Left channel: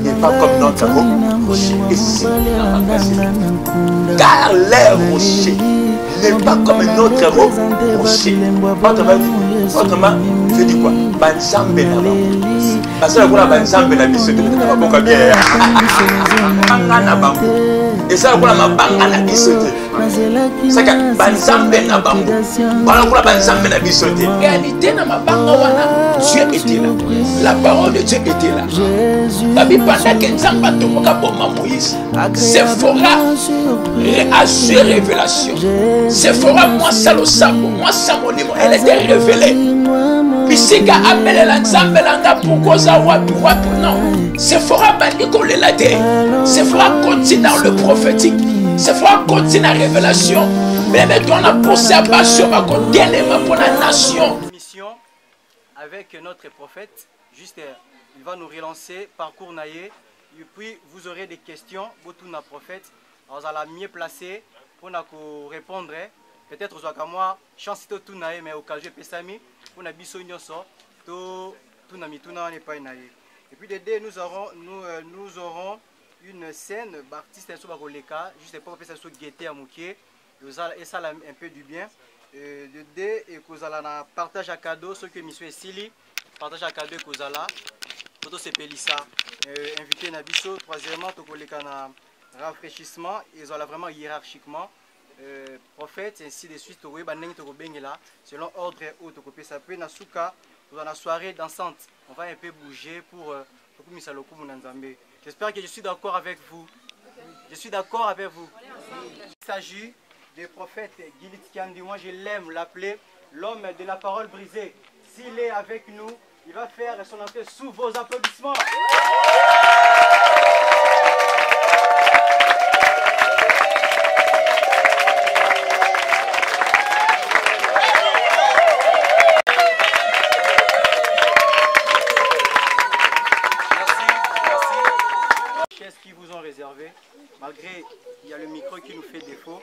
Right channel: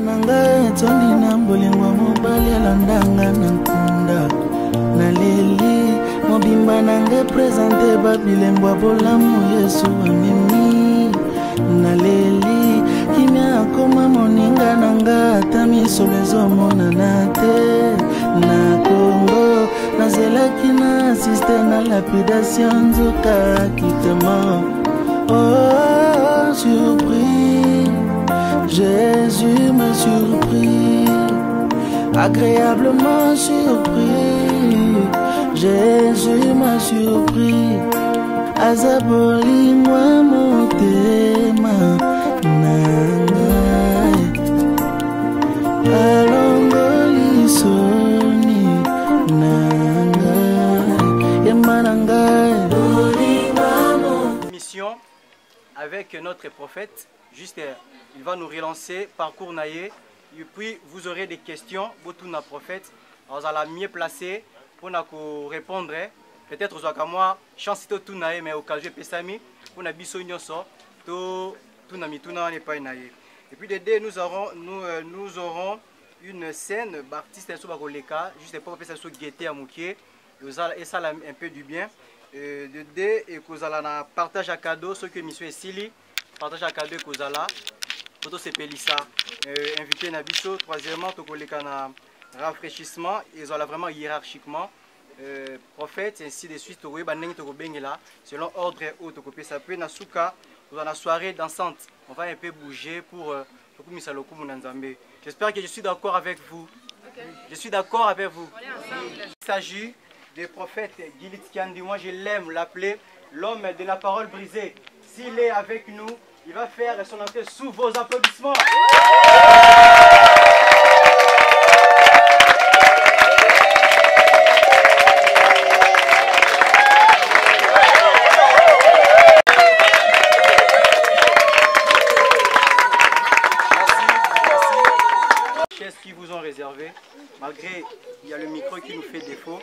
nanga toni na mbolingo mobali alandanga na nkunda naleli mobimba na represente babilembo ya bolamu yesu mimi naleli nakoma moninga nanga ata misolo ezomonana te nakongo nazelaki na siso na lapidation la parole de Dieu était là. Jésus m'a surpris, agréablement surpris. À ces révélations, c'est fera moi ça le sac, moi ça mon niveau, elle était révélée. Puis c'est qu'à amener l'examen là pourquoi ça non, c'est fera pas Nicolas la terre, c'est fera continuer dans le prophétique, c'est fera continuer la révélation, mais maintenant la conservation va continuer pour la nation. Mission avec notre prophète, juste il va nous relancer, parcours naïe, et puis vous aurez des questions, beaucoup de prophète, vous allez mieux placer pour nous répondre, peut-être aux moi, chance tout naïe, mais au cas où pesami, pour nous biso nyoso, tout nami tout n'est pas naïe. Et puis de nous aurons une scène, artiste sur Bagoleka, juste pour faire ça sur guetter à Moukier, et ça un peu du bien. De deux et que vous allez partage à cadeau ce que monsieur Sili partage à cadeau que vous allez photo c'est Pelissa invité Nabiso troisièmement to koleka na rafraîchissement et ils ont vraiment hiérarchiquement prophète ainsi de suite to ba ndenge to ko bengela selon ordre ou to ko pesa pe na suka vous en la soirée dansante on va un peu bouger pour kumisa lokumu na Nzambe. J'espère que je suis d'accord avec vous. Je suis d'accord avec vous. Il s'agit du prophète Gilit Kiandi, moi je l'aime l'appeler l'homme de la parole brisée. S'il est avec nous, il va faire son entrée sous vos applaudissements. Merci. Chaises qui vous ont réservé, malgré il y a le micro qui nous fait défaut.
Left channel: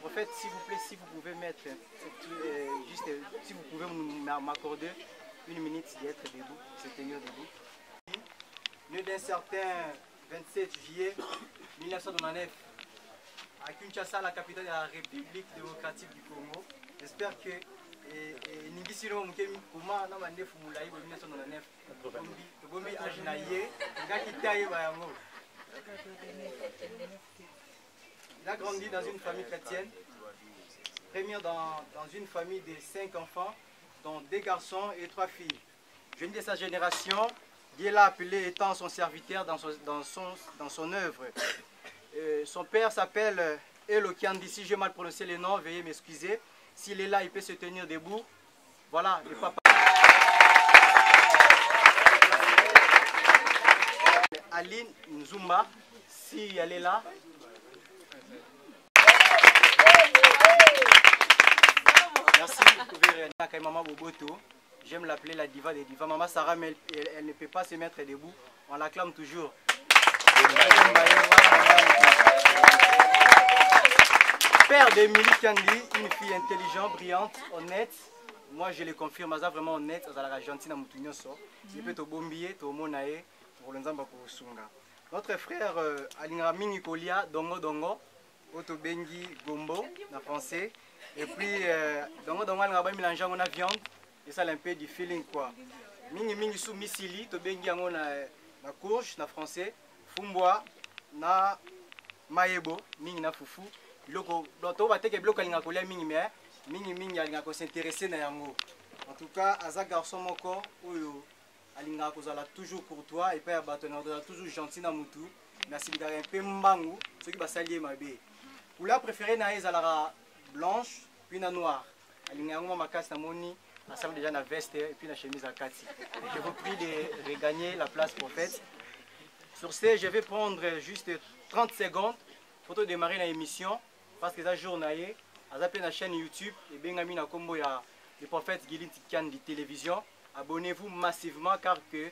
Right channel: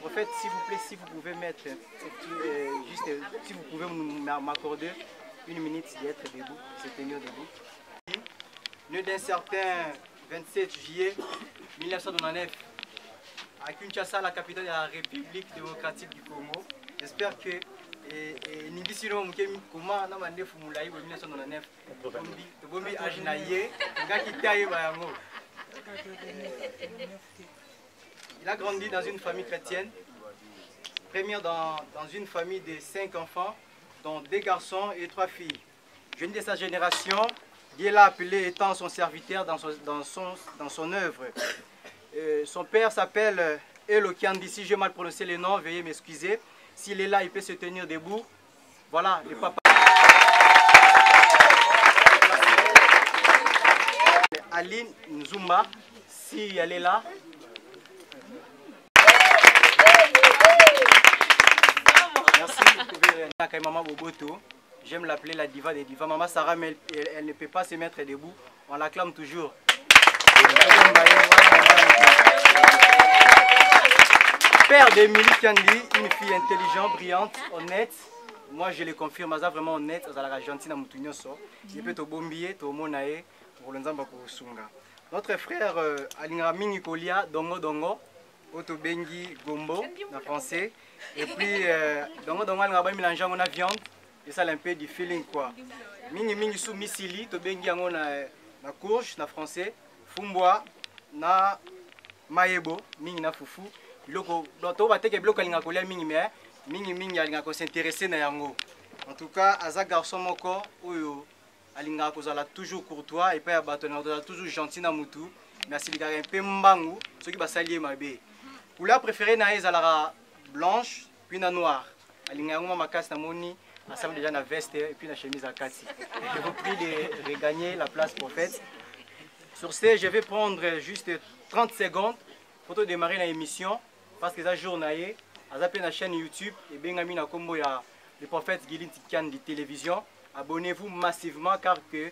Prophète, s'il vous plaît, si vous pouvez mettre, juste, si vous pouvez m'accorder une minute d'être debout, de se tenir debout. Né d'un certain 27 juillet 1999 à Kinshasa, la capitale de la République démocratique du Congo. J'espère que Nibisino Mukemi comment na mande fumulayi 1999 Bombi Ajinaye Ngakitaye Bayango. Il a grandi dans une famille chrétienne, premier dans une famille de 5 enfants, dont 2 garçons et 3 filles. Jeune de sa génération, Dieu l'a appelé étant son serviteur dans son œuvre. Son père s'appelle Elo Kiandi, si j'ai mal prononcé le nom, veuillez m'excuser. S'il est là, il peut se tenir debout. Voilà, le papa. Aline Nzumba, si elle est là. Merci. Maman Boboto, j'aime l'appeler la diva des divas. Maman Sarah, mais elle ne peut pas se mettre debout. On l'acclame toujours. Père d'Emilie Kiandi, une fille intelligente, brillante, honnête. Moi je le confirme, elle est vraiment honnête, elle est argentine à Moutounyoso. Il peut te bombier, te monae, pour l'ensemble pour Sunga. Notre frère Alingrami Nicolia, Dongo Dongo, Oto Bengi Gombo, en français. Et puis, Dongo Dongo, on a mélangé la viande, et ça a un peu du feeling quoi. Mingi Mingi sous Missili, to Bengi on a na courge, en français. Fumboa, na Maebo, Mingi na Fufu. Loko, l'auto va te bloquer l'inga coller Mingi mais Mingi Mingi alinga ko s'intéresser na yango. En tout cas, Aza garçon moko, oyo alinga ko zala toujours courtois et pas abatona, toujours gentil na mutu. Merci les gars, un peu mbangu, ceux qui va s'allier ma bé. Couleur préférée na ezala blanche puis na noire. Alinga ngoma makasi na moni, ensemble déjà na veste et puis na chemise à kati. Je vous prie de regagner la place prophète. Sur ce, je vais prendre juste 30 secondes pour démarrer l'émission parce que c'est un journalier. Azapé la chaîne YouTube et Bengami na combo ya le prophète Gilit Kiandi télévision. Abonnez-vous massivement car que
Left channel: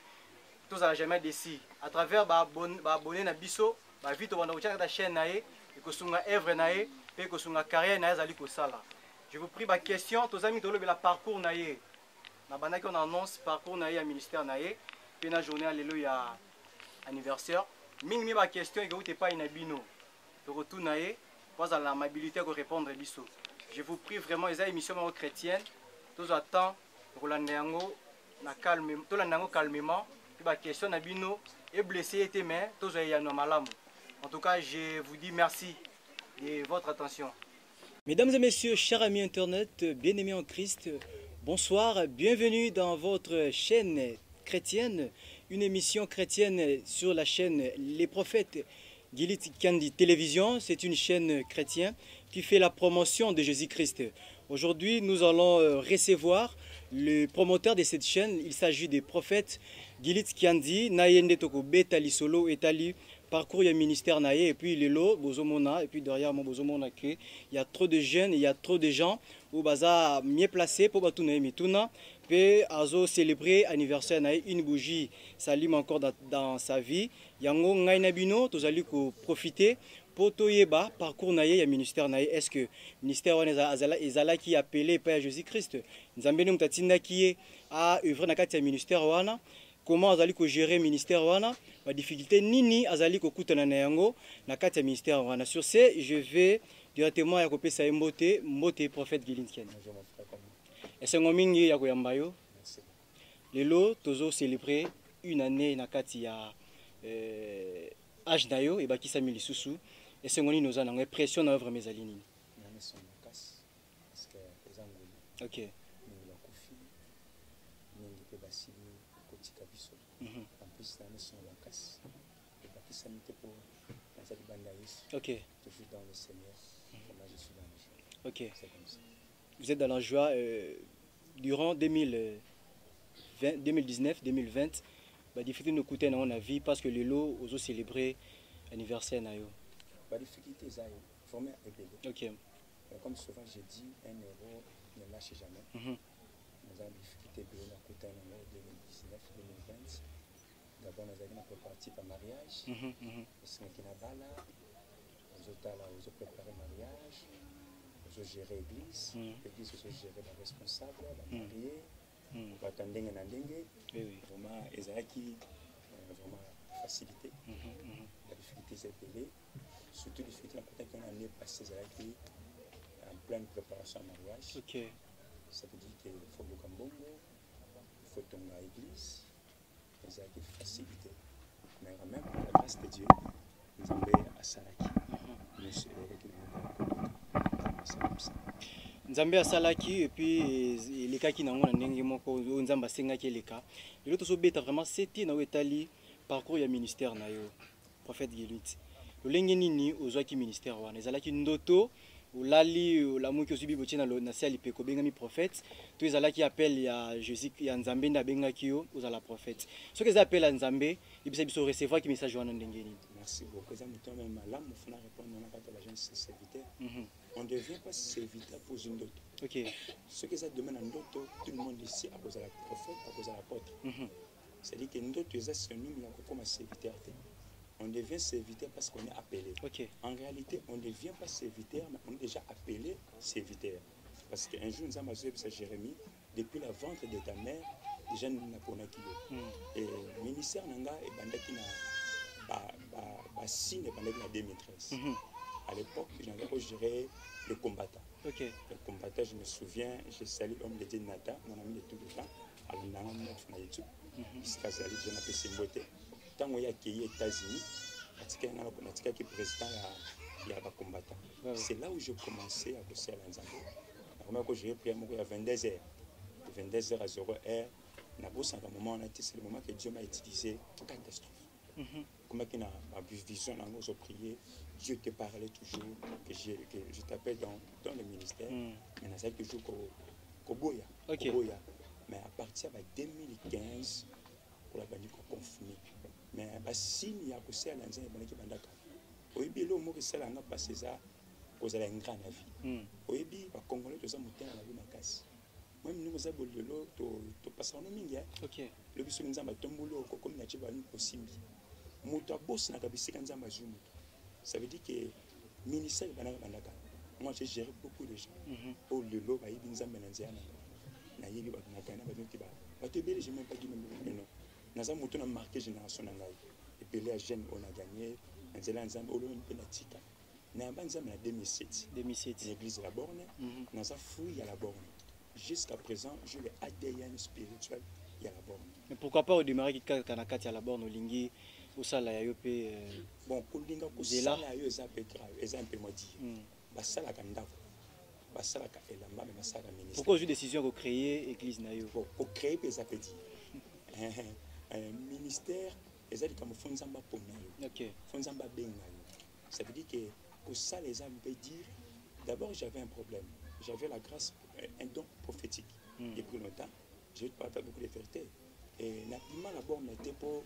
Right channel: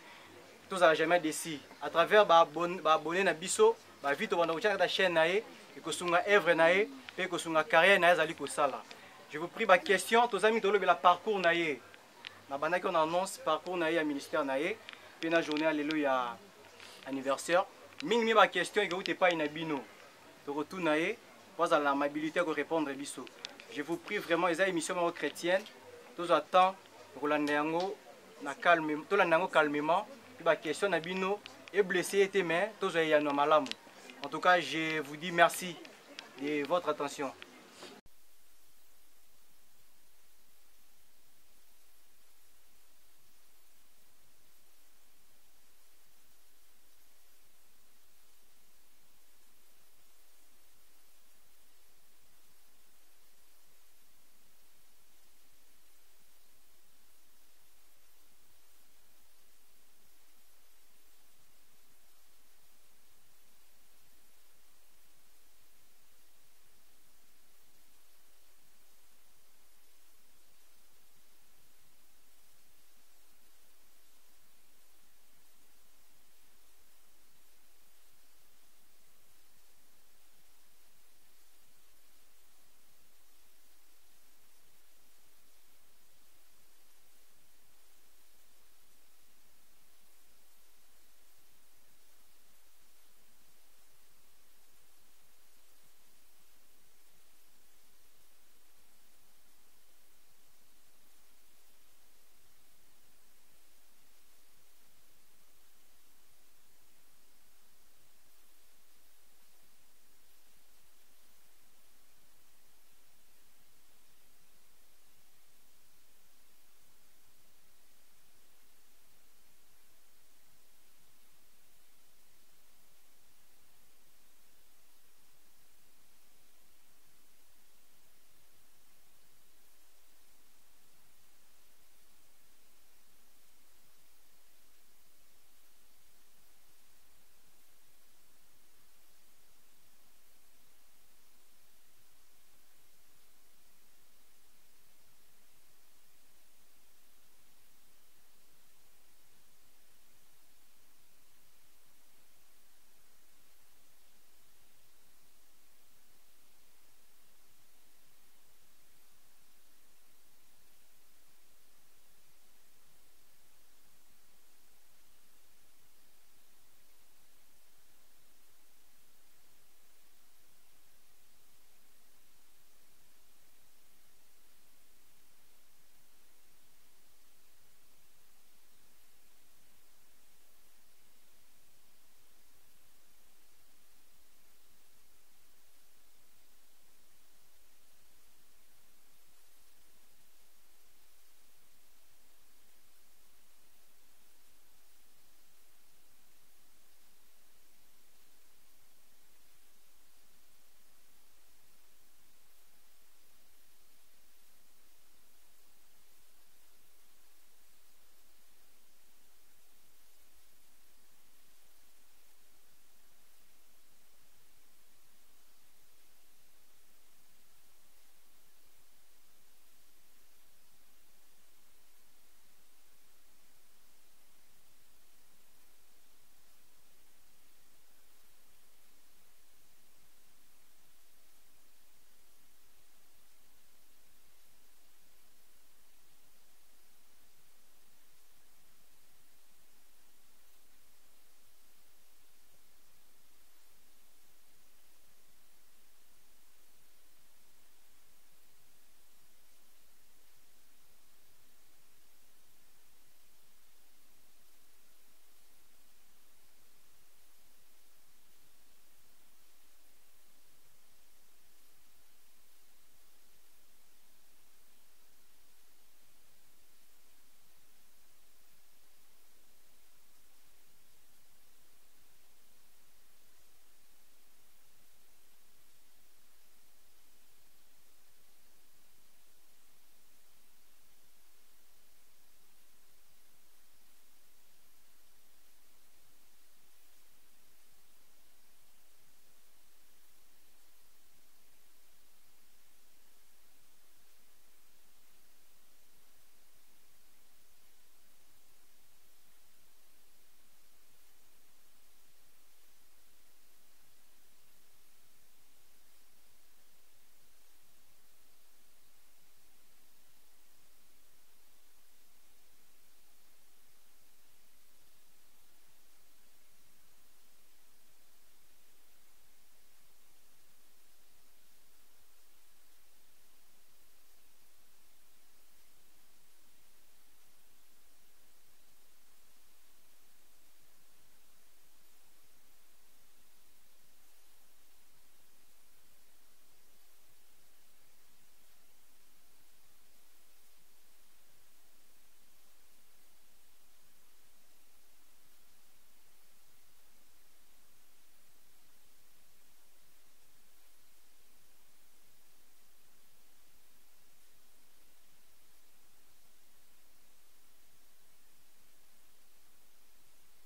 tous n'allez jamais déçu. À travers abonner na biso, vite on va la chaîne nae et que sunga œuvre nae et que sunga carrière nae zali ko sala. Je vous prie ma question, tous amis tolo la parcours nae. Na bana qu'on annonce parcours nae à ministère nae. Puis na journée alléluia anniversaire. Mingi ma question que vous n'êtes pas inabino. De retour naé, pas à l'amabilité de répondre biso. Je vous prie vraiment, les émissions chrétiennes, tous attend Rolandango na calme, tout l'andango calmement. Puis ma question nabino est blessé était mais tous ayano malamu. En tout cas, je vous dis merci de votre attention. Mesdames et messieurs, chers amis internet, bien-aimés en Christ, bonsoir, bienvenue dans votre chaîne chrétienne, une émission chrétienne sur la chaîne Les Prophètes Gilit Kandi Télévision. C'est une chaîne chrétienne qui fait la promotion de Jésus-Christ. Aujourd'hui, nous allons recevoir le promoteur de cette chaîne. Il s'agit des prophètes Gilit Kandi, Nayende Toko Betali Solo Etali. Parcours, il y a ministère naïe et puis les lots, Bozomona, et puis derrière mon Bozomona, il y a trop de jeunes, il y a trop de gens où baza mieux placé pour batouner mituna, puis azo célébrer anniversaire naïe, une bougie s'allume encore dans sa vie. Yango ngainabino, tous allez profiter pour toyeba parcours naïe, il y a ministère naïe. Est-ce que ministère on ezala qui appelé par Jésus-Christ, nzambeni mutatina qui a œuvré na kati ya ministère wana. Comment azali ko gérer ministère wana, la difficulté nini azali ko kutana na yango na kati ya ministère wana. Sur ce, je vais directement à kopé sa mbote prophète Gilit Kandi. Et c'est ngomingi ya koyamba yo. Lelo tozo célébrer une année na kati ya âge na yo et bakisa milisusu. Et c'est ngoni noza na pression na œuvre mezali nini. OK. Ok. Toujours dans le Seigneur, moi je suis dans le Seigneur. Ok. C'est comme ça. Vous êtes dans la joie durant 2019-2020. La difficulté nous coûtait dans la vie parce que les lots ont célébré l'anniversaire. La difficulté, c'est vraiment épelé. Ok. Comme souvent je dis, un héros ne lâche jamais. Nous avons des difficultés de la côté en 2019-2020. D'abord, nous avons préparé un mariage. C'est un kinabala. Nous avons préparé le mariage. Nous avons géré l'église. L'église, nous avons géré les responsables, les mariés. Nous avons attendu un dengue. Vraiment, ils ont vraiment facilité. La difficulté, c'est épelée. Surtout, la difficulté, quand on a année passée, c'est en pleine préparation au mariage. Ok. Ça veut dire qu'il faut le cambongo, il faut tomber à l'église. Ils ont été facilité. Mais quand même, la grâce de Dieu, nous avons à Salaki. Nzambe asalaki et puis les cas qui n'ont pas n'engagé moko nzamba senga qui les cas. Le autre sobeta vraiment c'était na wetali parcours ya ministère na yo prophète Gilit. Le lenge nini ozwaki ministère wana ezalaki ndoto olali olamuki osubi botina na sali peko bengami prophète to ezalaki appel ya Jésus ya nzambe nda bengaki yo ozala prophète. Ce que appel à nzambe ibisa biso recevoir ki message wana ndenge nini. Merci beaucoup. Ça me tombe malade, il faut répondre à la jeune serviteur. On ne devient pas serviteur pour une autre. Ok. Ce que ça demande à d'autres, tout le monde ici, à cause de la prophète, à cause de l'apôtre. C'est-à-dire que nous autres, c'est nous comme serviteur. On devient serviteur parce qu'on est appelé. Ok. En réalité, on ne devient pas serviteur, mais on est déjà appelé serviteur. Parce qu'un jour, nous avons dit à Jérémie, depuis la ventre de ta mère, déjà nous n'avons pas kilo. Et le ministère Nanga et Bandaki n'a signe pendant la 2013. À l'époque, j'avais géré les combattants. Ok. Les combattants, je me souviens, j'ai salué l'homme de Dieu Nata, mon ami de tout le temps, à l'Andan, à YouTube. Jusqu'à Zali, je m'appelle Simbote. Tant qu'on y a accueilli aux États-Unis, qui est président, il y a des combattants. C'est là où j'ai commencé à bosser à l'Anzambo. Quand j'ai pris à 22h, de 22h à 0h, à un moment, c'est le moment que Dieu m'a utilisé pour catastrophe. Comme il y a ma vision, j'ai prié, Dieu te parlait toujours, que je t'appelle dans le ministère. Mais c'est toujours Koboya. Mais à partir de 2015, pour la banque confirmée. Mais si il y a aussi à l'Anzan, il y a des banques. Au début, le mot que c'est là, on a passé ça, vous avez un grand avis. Au début, les Congolais, ils ont monté à la vie de casse. Moi, nous avons dit que tu passes en Ominga. Le bus nous a tombé comme nous avons possible. Mouta boss n'a pas bissé quand nous avons. Ça veut dire que le ministère de Banaka, moi j'ai géré beaucoup de gens. Au Lelo, nous avons menacé. Nous avons marqué génération. epele ya jeune on a gagné nzela nzambe olo mpe na tika na banzambe na 2007 l'église de la Borne naza fruit ya la Borne jusqu'à présent je le ADN spirituel ya la Borne. Mais pourquoi pas au démarrer qui kanakati à la Borne olingi osala ya yo pe bon kolinga kosala yo eza pe grave eza un peu modi basala ka ndako basala ka elamba mais basala ka ministère. Pourquoi j'ai décision de créer église na yo bon pour créer pesa petit ministère ezali comme fonzamba pona yo OK fonzamba benga yo ça veut dire que pour ça les hommes peuvent dire d'abord j'avais un problème j'avais la grâce un don prophétique depuis longtemps je ne parle pas beaucoup de vérité et na pima la Borne était pour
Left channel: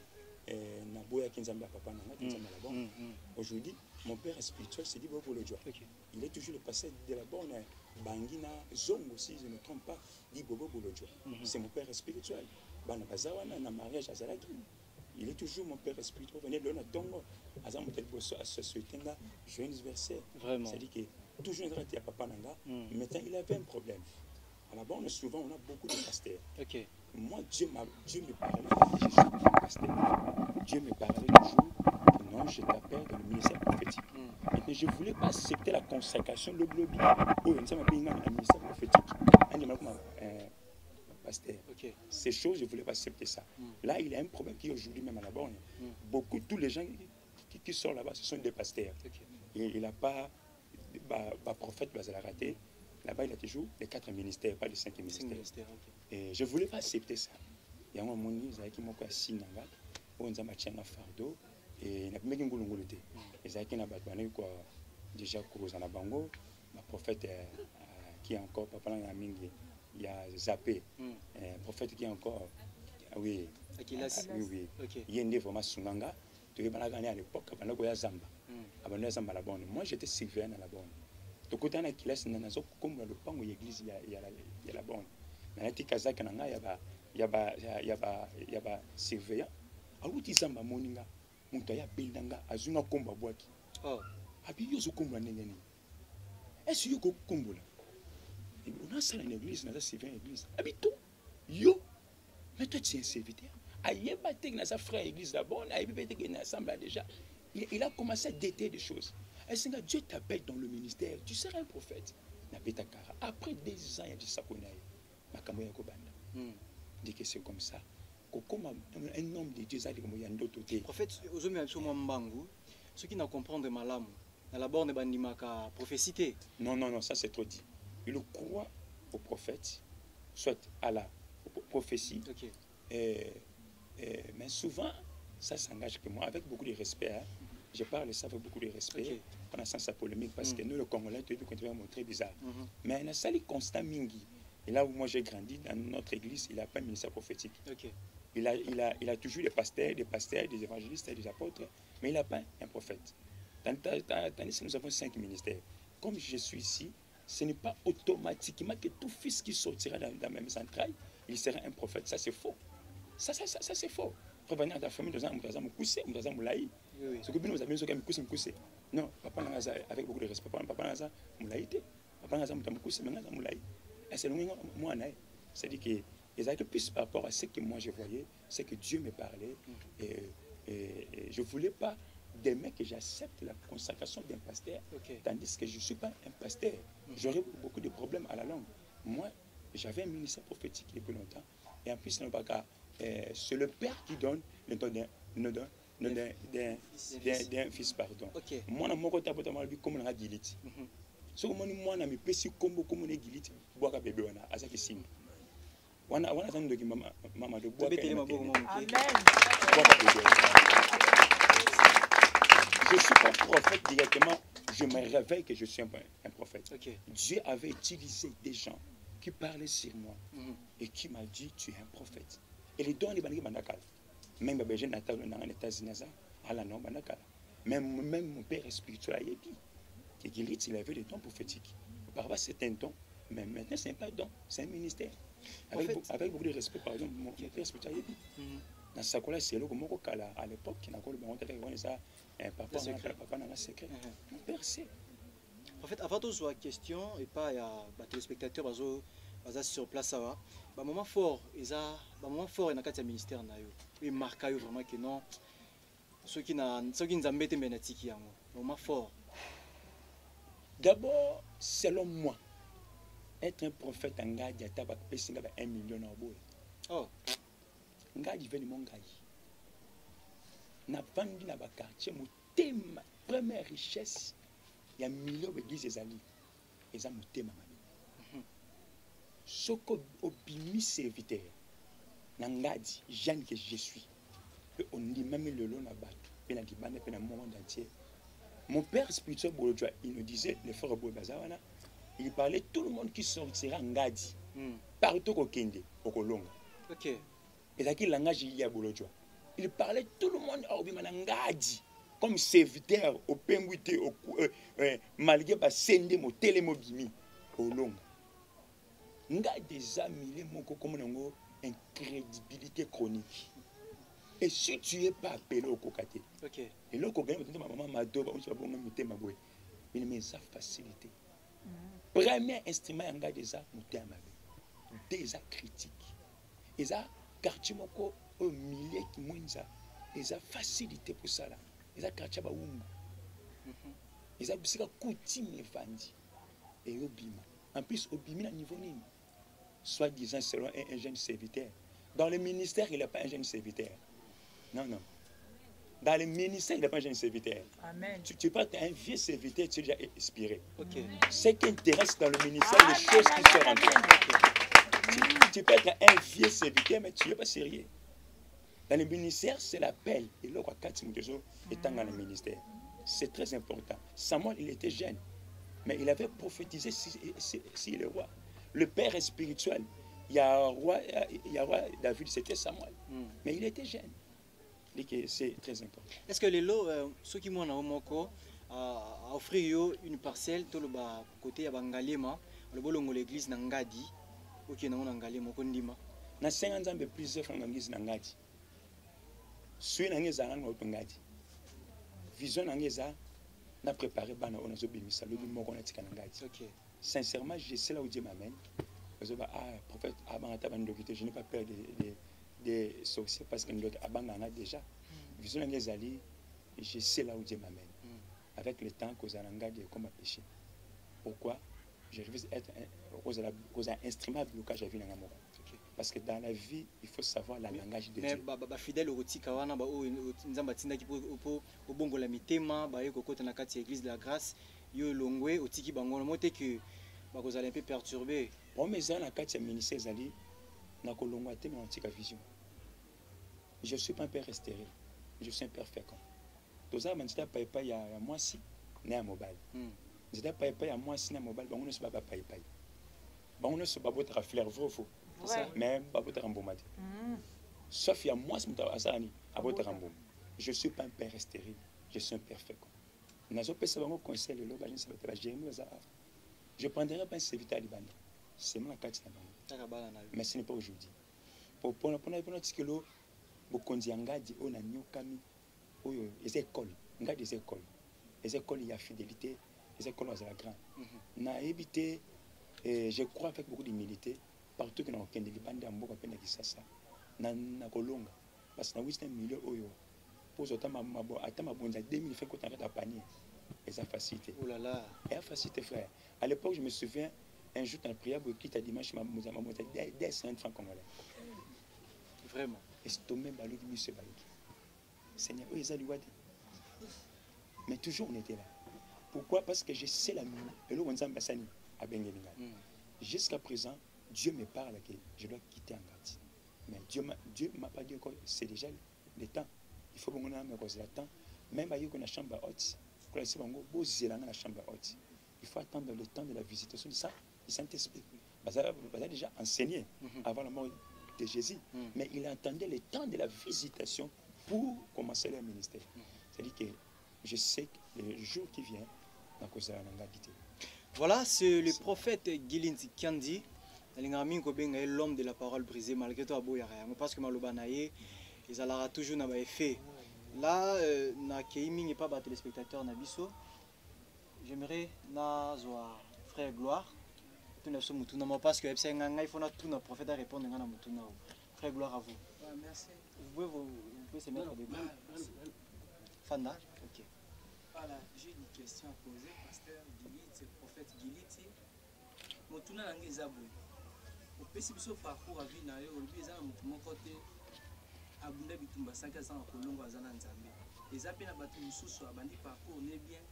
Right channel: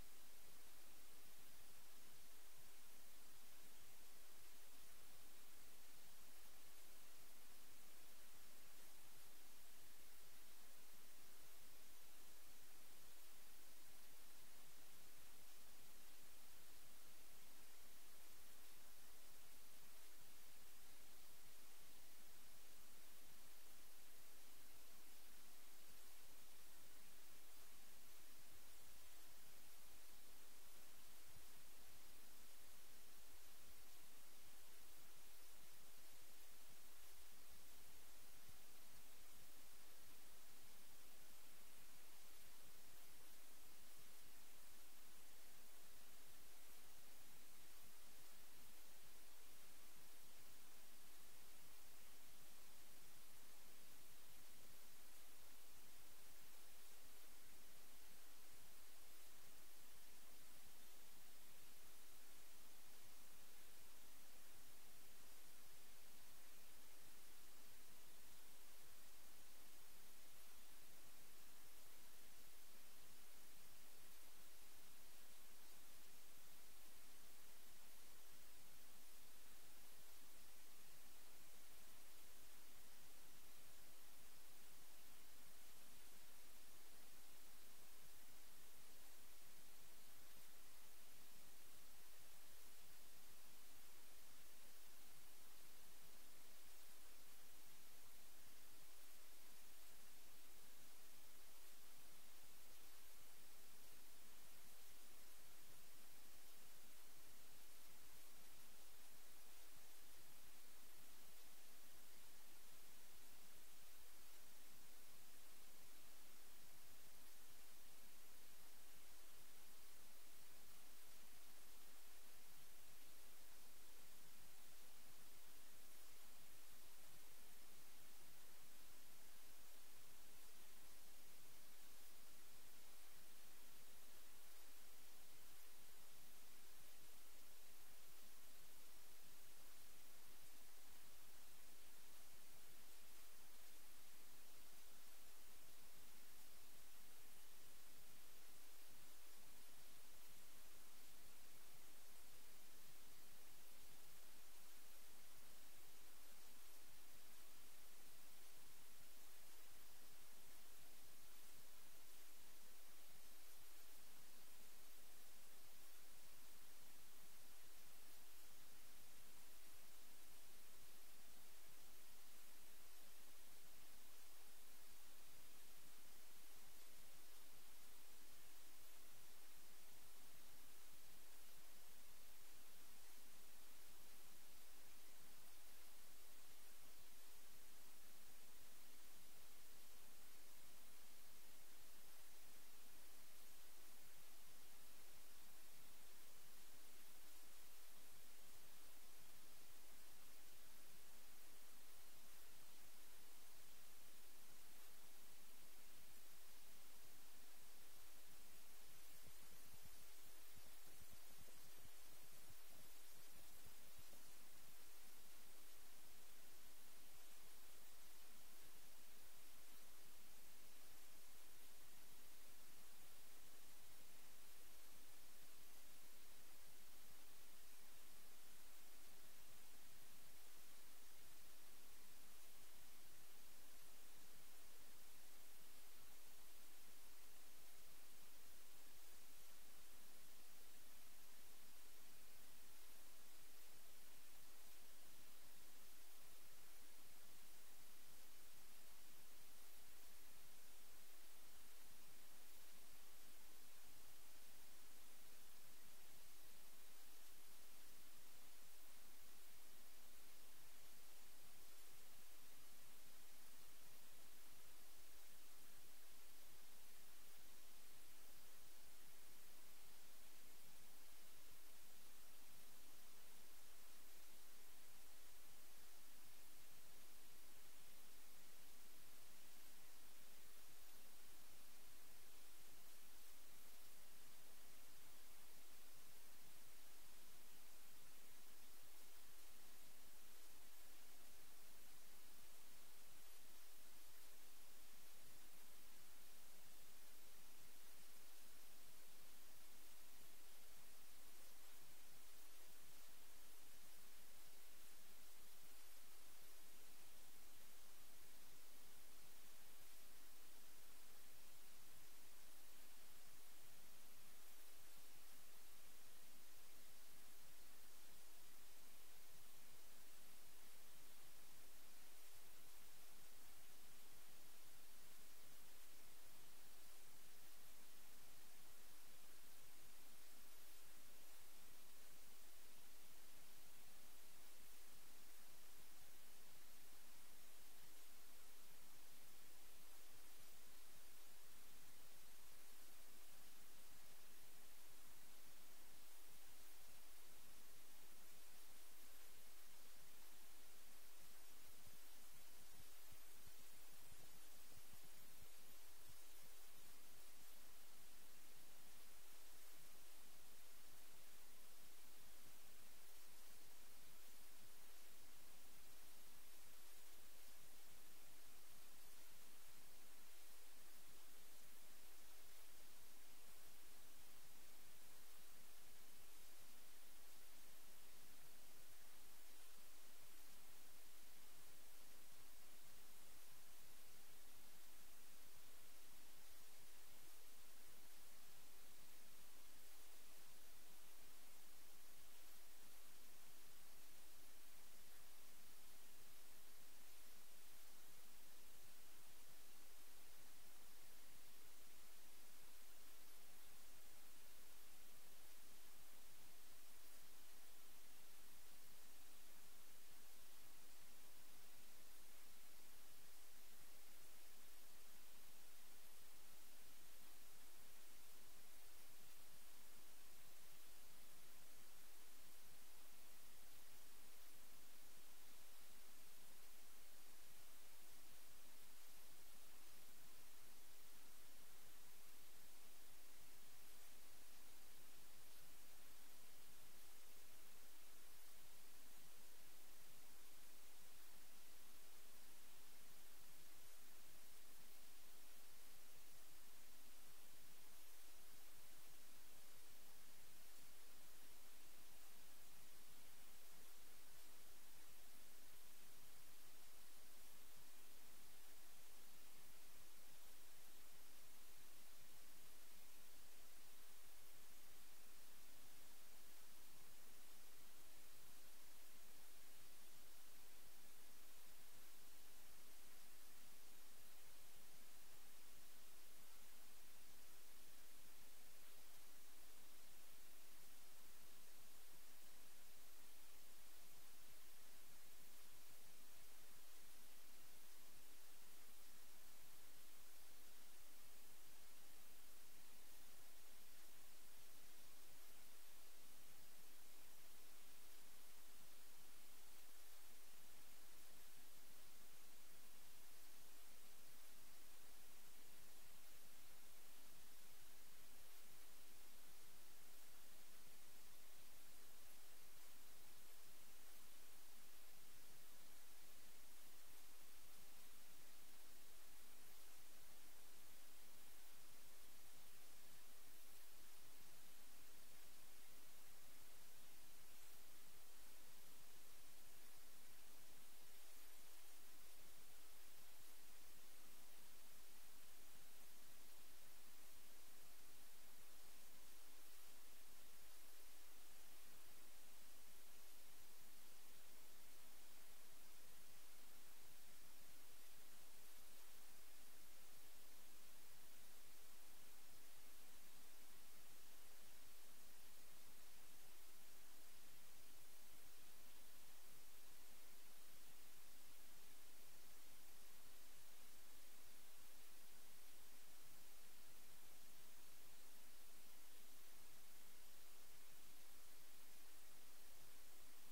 na boya kinzamba papa na kinzamba la Borne aujourd'hui mon père spirituel s'est dit bon pour le Dieu il est toujours le passé de la Borne bangina zongo si je ne me trompe pas dit bobo pour le Dieu c'est mon père spirituel bana bazawana na mariage azalaki il est toujours mon père spirituel venez de la tongo azam tel bosso à société là joyeux anniversaire vraiment c'est à dire que toujours il y a papa nanga maintenant il avait un problème à la Borne souvent on a beaucoup de pasteurs. OK. Moi Dieu me parlait je suis pasteur. Dieu me parlait toujours que non je t'appelle dans le ministère prophétique. Maintenant je voulais pas accepter la consécration le globe où on s'est bien dans le ministère prophétique. Un de mes pasteur. OK. Ces choses je voulais pas accepter ça. Là il y a un problème qui aujourd'hui même à la Borne. Beaucoup tous les gens qui sortent là-bas ce sont des pasteurs. Okay. Il n'a pas prophète va la rater. Là-bas, il a toujours les 4 ministères, pas les 5 ministères. Okay. Et je ne voulais pas accepter ça. Il y a un moment où il m'a dit on a un fardeau et il n'a pas mis un ngoloté. Il a déjà croisé en Bango, ma prophète qui est encore, papa il y a Zappé, prophète qui est encore, oui, oui, il y a vraiment Sunganga, tu es à l'époque, il y a Zamba. Moi, j'étais surveillant à la Borne. Côté na kilasi na nazo comme le pango l'église il y a la Borne na ati kazaka na ya ba surveillant awuti zamba moninga muntu ya bindanga azunga komba bwaki abi yozo komba nengeni est-ce yo kombola on a ça dans l'église na surveillant l'église abi tout yo mais toi tu es un serviteur ayeba tek na sa frère église la Borne ayeba tek na assemblée déjà il a commencé à déter des choses. Est-ce que Dieu t'appelle dans le ministère, tu seras un prophète. Après 10 ans, il y a du sakonaï. Dit que c'est comme ça. Comme un homme de Dieu, il y a d'autres côtés. Prophète, ceux qui ne comprennent pas malam, dans la Borne, il y a prophétie. Non, ça c'est trop dit. Il croit au prophète, soit à la prophétie. Okay. Mais souvent, ça s'engage que moi, avec beaucoup de respect. Hein, je parle de ça avec beaucoup de respect, pendant sa polémique, parce que nous, le Congolais, tu peux montrer bizarre. Mais il y a ça, constat mingi. Et là où moi j'ai grandi, dans notre église, il n'a pas un ministère prophétique. Okay. Il a toujours des pasteurs, des évangélistes et des apôtres, mais il n'a pas un prophète. Tandis que nous avons 5 ministères. Comme je suis ici, ce n'est pas automatiquement que tout fils qui sortira dans la même entraille, il sera un prophète. Ça, c'est faux. Ça c'est faux. Revenir à ta famille, nous avons coussé, nous avons moulaï. Ce que nous avons coussé. Non, papa n'a pas, avec beaucoup de respect, papa n'a pas moulaïté. Papa n'a pas coussé, mais n'a moulaï. Et c'est le moi, c'est-à-dire que les actes plus par rapport à ce que moi je voyais, c'est que Dieu me parlait. Et je ne voulais pas demain que j'accepte la consacration d'un pasteur, tandis que je ne suis pas un pasteur. J'aurais beaucoup de problèmes à la langue. Moi, j'avais un ministère prophétique depuis longtemps. Et en plus, c'est le père qui donne le don d'un fils, pardon. Moi, je suis un peu comme un guilite. Si moi, je suis pessi comme un guilite, je suis un bébé. Je suis un bébé. Je ne suis pas prophète directement, je me réveille que je suis un prophète. Dieu avait utilisé des gens qui parlaient sur moi et qui m'a dit tu es un prophète. Et les dons, même les gens dans les États-Unis, même mon père spirituel a dit qu'il avait des dons prophétiques. Auparavant, c'était un don, mais maintenant, ce n'est pas un don, c'est un ministère. Avec beaucoup de respect, par exemple, mon père spirituel a dit dans sa colère, c'est là que à l'époque, qui n'a pas eu ça, papa n'a pas secret. Mon père sait. En fait, avant toute question, et pas il y a des téléspectateurs sur place, ça va. Moment fort, il y a un ministère, il marque vraiment que non. ceux qui nous embêtent benatiki yango moment fort. D'abord, selon moi, être un prophète en Ngadi, il y a 1 million d'euros. Oh. Ngadi veut mon Ngadi. Na vendu na quartier, mon thème, première richesse, il y a 1 million d'églises et amis. Et ça, mon thème. Ce que obimi serviteur, Ngadi, Jeanne que je suis. On dit même le long na bateau, et la Libane, et le monde entier. Mon père spirituel, il nous disait, le frère Bazawana, il parlait tout le monde qui sortira Ngadi, partout au Kende, au Kolonga. Ok. Et ça qui langage il y a Bolodjoa. Il parlait tout le monde à Obimana Ngadi, comme serviteur au Penguité, au malgré pas sende mo télémobimi, au Longa. Ngadi déjà mille moko comme une crédibilité chronique. Et si tu n'es pas appelé au Kokate, okay. Et là, quand ma maman m'a dit, il me ça facilité. Premier instrument, il y a déjà déjà critique. Et ça, quartier moko au milieu qui moins et ça facilité pour ça là. Et ça quartier ba umbu. Et ça bisika coutume vandi. Et obima. En plus obimi na niveau nini. Soit disant selon un jeune serviteur. Dans le ministère, il n'est pas un jeune serviteur. Non, non. Dans le ministère, il n'est pas un jeune serviteur. Amen. Tu peux être un vieux serviteur, tu es déjà inspiré. Okay. Ce qui intéresse dans le ministère, les choses qui sont rentrées. Tu peux être un vieux serviteur, mais tu n'es pas sérieux. Dans le ministère, c'est l'appel. Et là, quand étant dans le ministère, c'est très important. Samuel, il était jeune, mais il avait prophétisé si le roi. Le père est spirituel. Il y a un roi David, c'était Samuel. Mais il était jeune. C'est très important. Est-ce que les lots, ceux qui m'ont offert une parcelle, tout le côté à Bangalema, le bolongo l'église Nangadi, ok, non Nangalema, Kondima. Na 50 ans de plusieurs fois l'église Nangadi. Suis Nangeza Nangadi. Vision Nangeza n'a préparé Bana on a zobimisa le bimo qu'on a tika Nangadi. Ok. Sincèrement, je sais là où Dieu m'amène. Prophète, je n'ai pas peur des sorciers parce que nous avons déjà. Vision les alliés, je sais là où Dieu m'amène. Avec le temps que Zalanga de comme péché. Pourquoi? Je veux être un instrument de blocage à vie dans l'amour. Parce que dans la vie, il faut savoir le langage de Dieu. Mais fidèle au Tikawana, Nzambatinda qui au bongo la mitema, ba yoko kota na kati église de la grâce, yo longwe au tiki bango le moté que ba vous allez un peu perturber. Bon mais ça na kati ministère zali na kolongwa te mais antika vision. Je suis pas un père stérile, je suis un père fécond. Tout ça manita papa ya moi si né à mobile. J'étais papa ya moi si na mobile bango ne se papa papa. Bango ne se pas votre fleur faux. Mais pas votre rambomate. Sauf ya moi si muta asani à votre rambom. Je suis pas un père stérile, je suis un père fécond. Nazo pesa bango conseil le loba je ne sais pas Jérémie za. Je prendrai pas un serviteur à Libanda. C'est mon carte na bango. Mais ce n'est pas aujourd'hui. Pour tikelo bokonzi ngadi ona nyokami oyo les écoles ngadi les écoles il y a fidélité les écoles à la grande na éviter je crois avec beaucoup d'humilité partout que na okende libanda mboka pena kisasa na kolonga parce que na 8 millions oyo pour otama mabo atama bonza 2000 fait côté ta panier et ça facilité oh là là et facilité frère à l'époque je me souviens un jour dans la prière qui t'a dimanche ma monté des 5 francs congolais vraiment estomé balogi mise balogi Seigneur eux ils ont mais toujours on était là pourquoi parce que je sais la nuit et là on s'en bassani à Bengelinga jusqu'à présent Dieu me parle que je dois quitter Ngati mais Dieu m'a pas dit encore c'est déjà le temps il faut qu'on ait me cause le temps même à la chambre haute quand c'est bon beau la chambre haute il faut attendre le temps de la visitation de ça du Saint-Esprit ça a déjà enseigné avant la mort de Jésus, mais il attendait le temps de la visitation pour commencer le ministère. C'est-à-dire que je sais que le jour qui vient, voilà, c'est le prophète Gilin Kiandi, l'homme de la parole brisée, malgré tout, parce que Malobanaye, ils allaient toujours n'avoir effet. Là, na Keimi n'est pas battu les spectateurs Nabiso. J'aimerais Nazwa frère Gloire. Parce que il faut tout notre prophète à répondre à Frère, gloire à vous. Merci. Vous pouvez se mettre debout. Fanda. Ok. Voilà, j'ai une question à poser, pasteur Giliti, prophète Giliti. Motuna nangi ezabo. Opesi biso parcours à vie na yo, olobi eza na motu moko te abunda bitumba 5 ans kolongo aza na Nzambe. Eza pe na bato mosusu abandi parcours ne bien.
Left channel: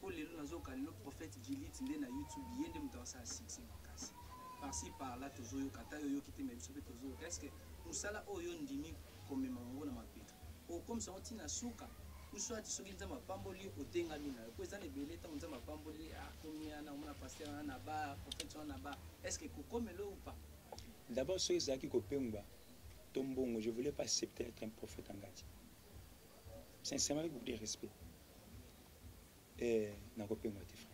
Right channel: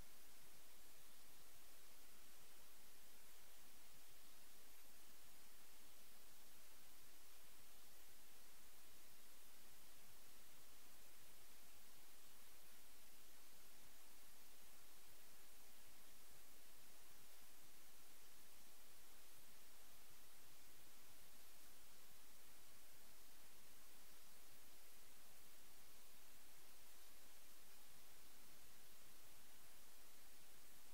Po lelo nazoka lelo prophète Giliti nde na YouTube yende moto asala succès makasi. Par-ci par-là tozoyoka ta yo yoki te mais biso pe tozoyoka. Est-ce que mosala oyo ndimi komema ngo na mapeto? O comme ça on tina suka. Soit tu soki nzamba pamboli otenga mina ko eza ne belé ta nzamba pamboli a komia na mona pasteur na ba prophète na ba est-ce que kokomelo ou pas? D'abord ceux qui kopengwa tombongo je voulais pas accepter être un prophète en Gati. Sincèrement avec beaucoup de respect. Et na kopengwa tes frères.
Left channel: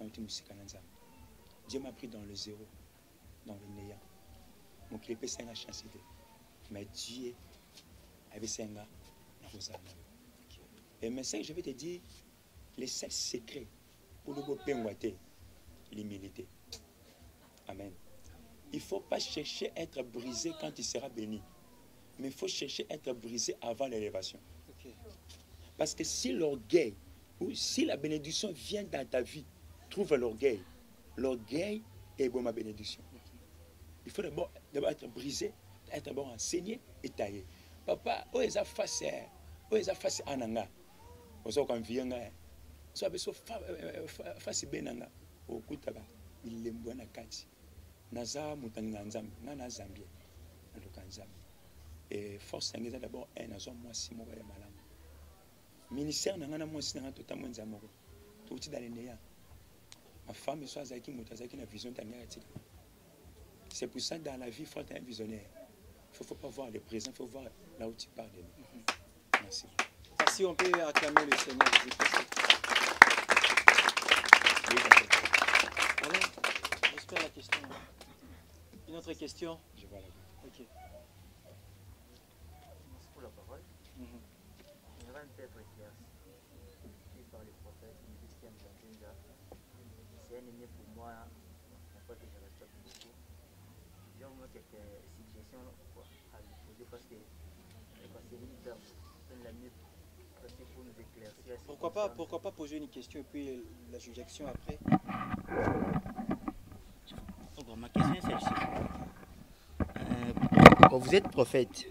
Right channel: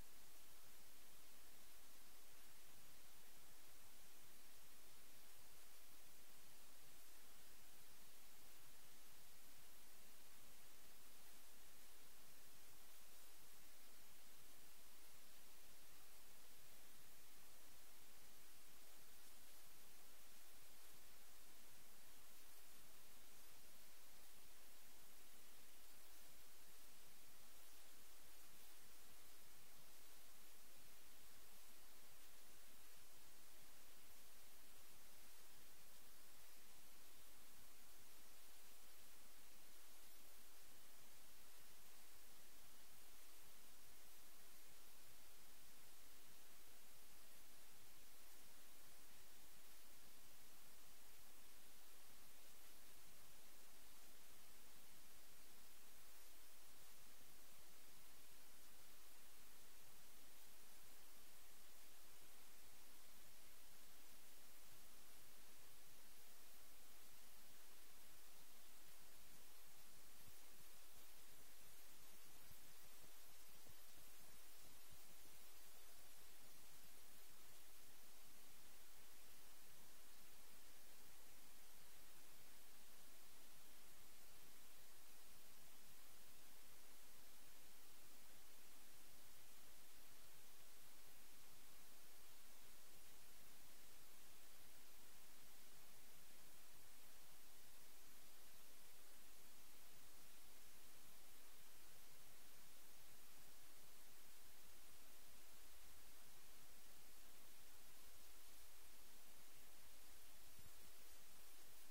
On te musika na nzamba. Dieu m'a pris dans le zéro, dans le néant. Mon clip c'est une chance de. Mais Dieu avait senga na kozana. Et maintenant, je vais te dire les 7 secrets pour le penguater, l'humilité. Amen. Il ne faut pas chercher à être brisé quand il sera béni. Mais il faut chercher à être brisé avant l'élévation. Okay. Parce que si l'orgueil ou si la bénédiction vient dans ta vie, trouve l'orgueil. L'orgueil est bon ma bénédiction. Il faut d'abord être brisé, être d'abord enseigné et taillé. Papa, où est-ce face à Nanga? Oso kwa mvianga so abeso fasi benanga okutaba ilembo na kati naza mutanga nzambe na Zambie na Nzambe et force ngeza d'abord un azo mwasi moko ya malamu ministère nanga na mwasi nanga tota mwenza moko tuti dans les néants ma femme so azaki mutazaki na vision tangati. C'est pour ça dans la vie il faut être un visionnaire. Il faut pas voir le présent, il faut voir là où tu parles de nous. Merci. Si on peut acclamer le Seigneur. Allez, j'espère la question. Une autre question? Je vois la vie. Ok. Merci pour la parole. J'aimerais un peu être éclairci par les prophètes, une Christiane Kangenza. C'est un ennemi pour moi, en fait, que je respecte beaucoup. J'ai au moins quelques suggestions à lui poser parce que c'est une dame, c'est la mieux. Pourquoi pas poser une question et puis la suggestion après? Ma question est celle-ci. Quand vous êtes prophète,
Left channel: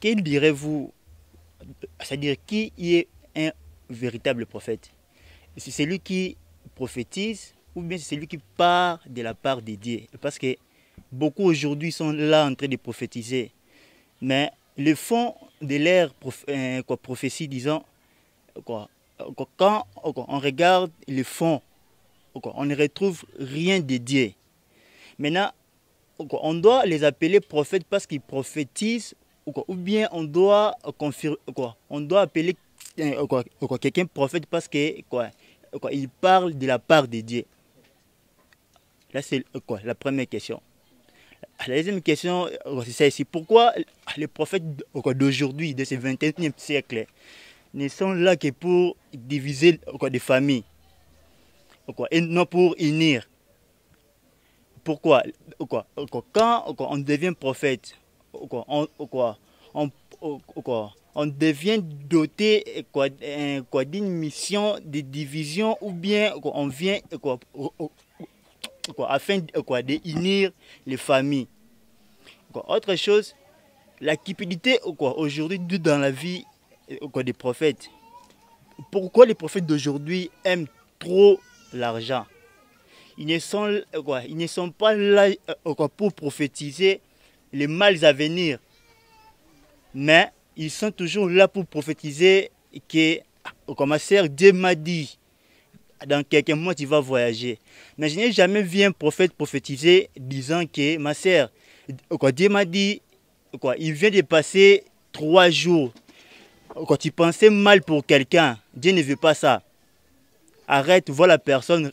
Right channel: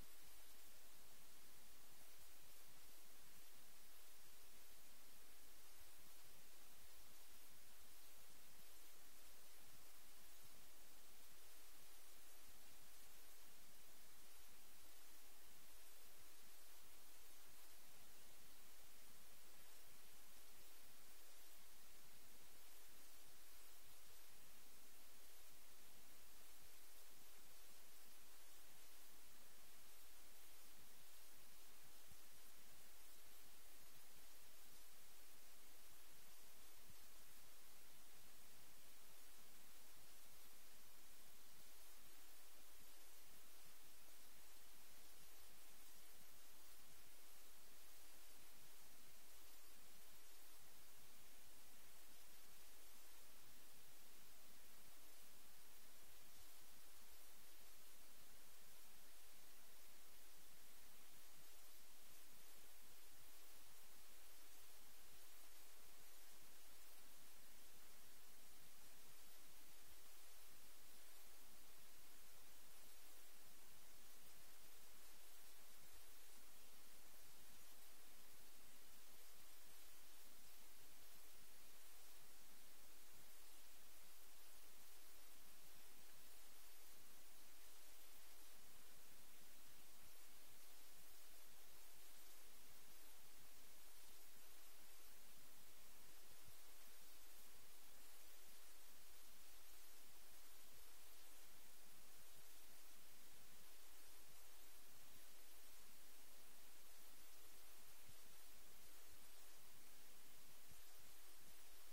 quel direz-vous, c'est-à-dire qui est un véritable prophète? C'est celui qui prophétise ou bien c'est celui qui part de la part de Dieu? Parce que beaucoup aujourd'hui sont là en train de prophétiser, mais le fond de leur prophétie, disons, quand on regarde le fond, on ne retrouve rien de Dieu. Maintenant, on doit les appeler prophètes parce qu'ils prophétisent, ou bien on doit appeler quelqu'un prophète parce que il parle de la part de Dieu. Là, c'est la première question. La deuxième question, c'est celle-ci. Pourquoi les prophètes d'aujourd'hui, de ce 21e siècle, ne sont là que pour diviser des familles et non pour unir? Pourquoi? Quand on devient prophète, on devient doté d'une mission de division ou bien on vient afin d'unir les familles. Autre chose, la cupidité aujourd'hui dans la vie des prophètes. Pourquoi les prophètes d'aujourd'hui aiment trop l'argent? Ils ne sont pas là pour prophétiser les mal à venir, mais ils sont toujours là pour prophétiser que, comme ma sœur, Dieu m'a dit, dans quelques mois tu vas voyager. Mais je n'ai jamais vu un prophète prophétiser disant que ma sœur, Dieu m'a dit, il vient de passer 3 jours. Quand tu pensais mal pour quelqu'un, Dieu ne veut pas ça. Arrête, vois la personne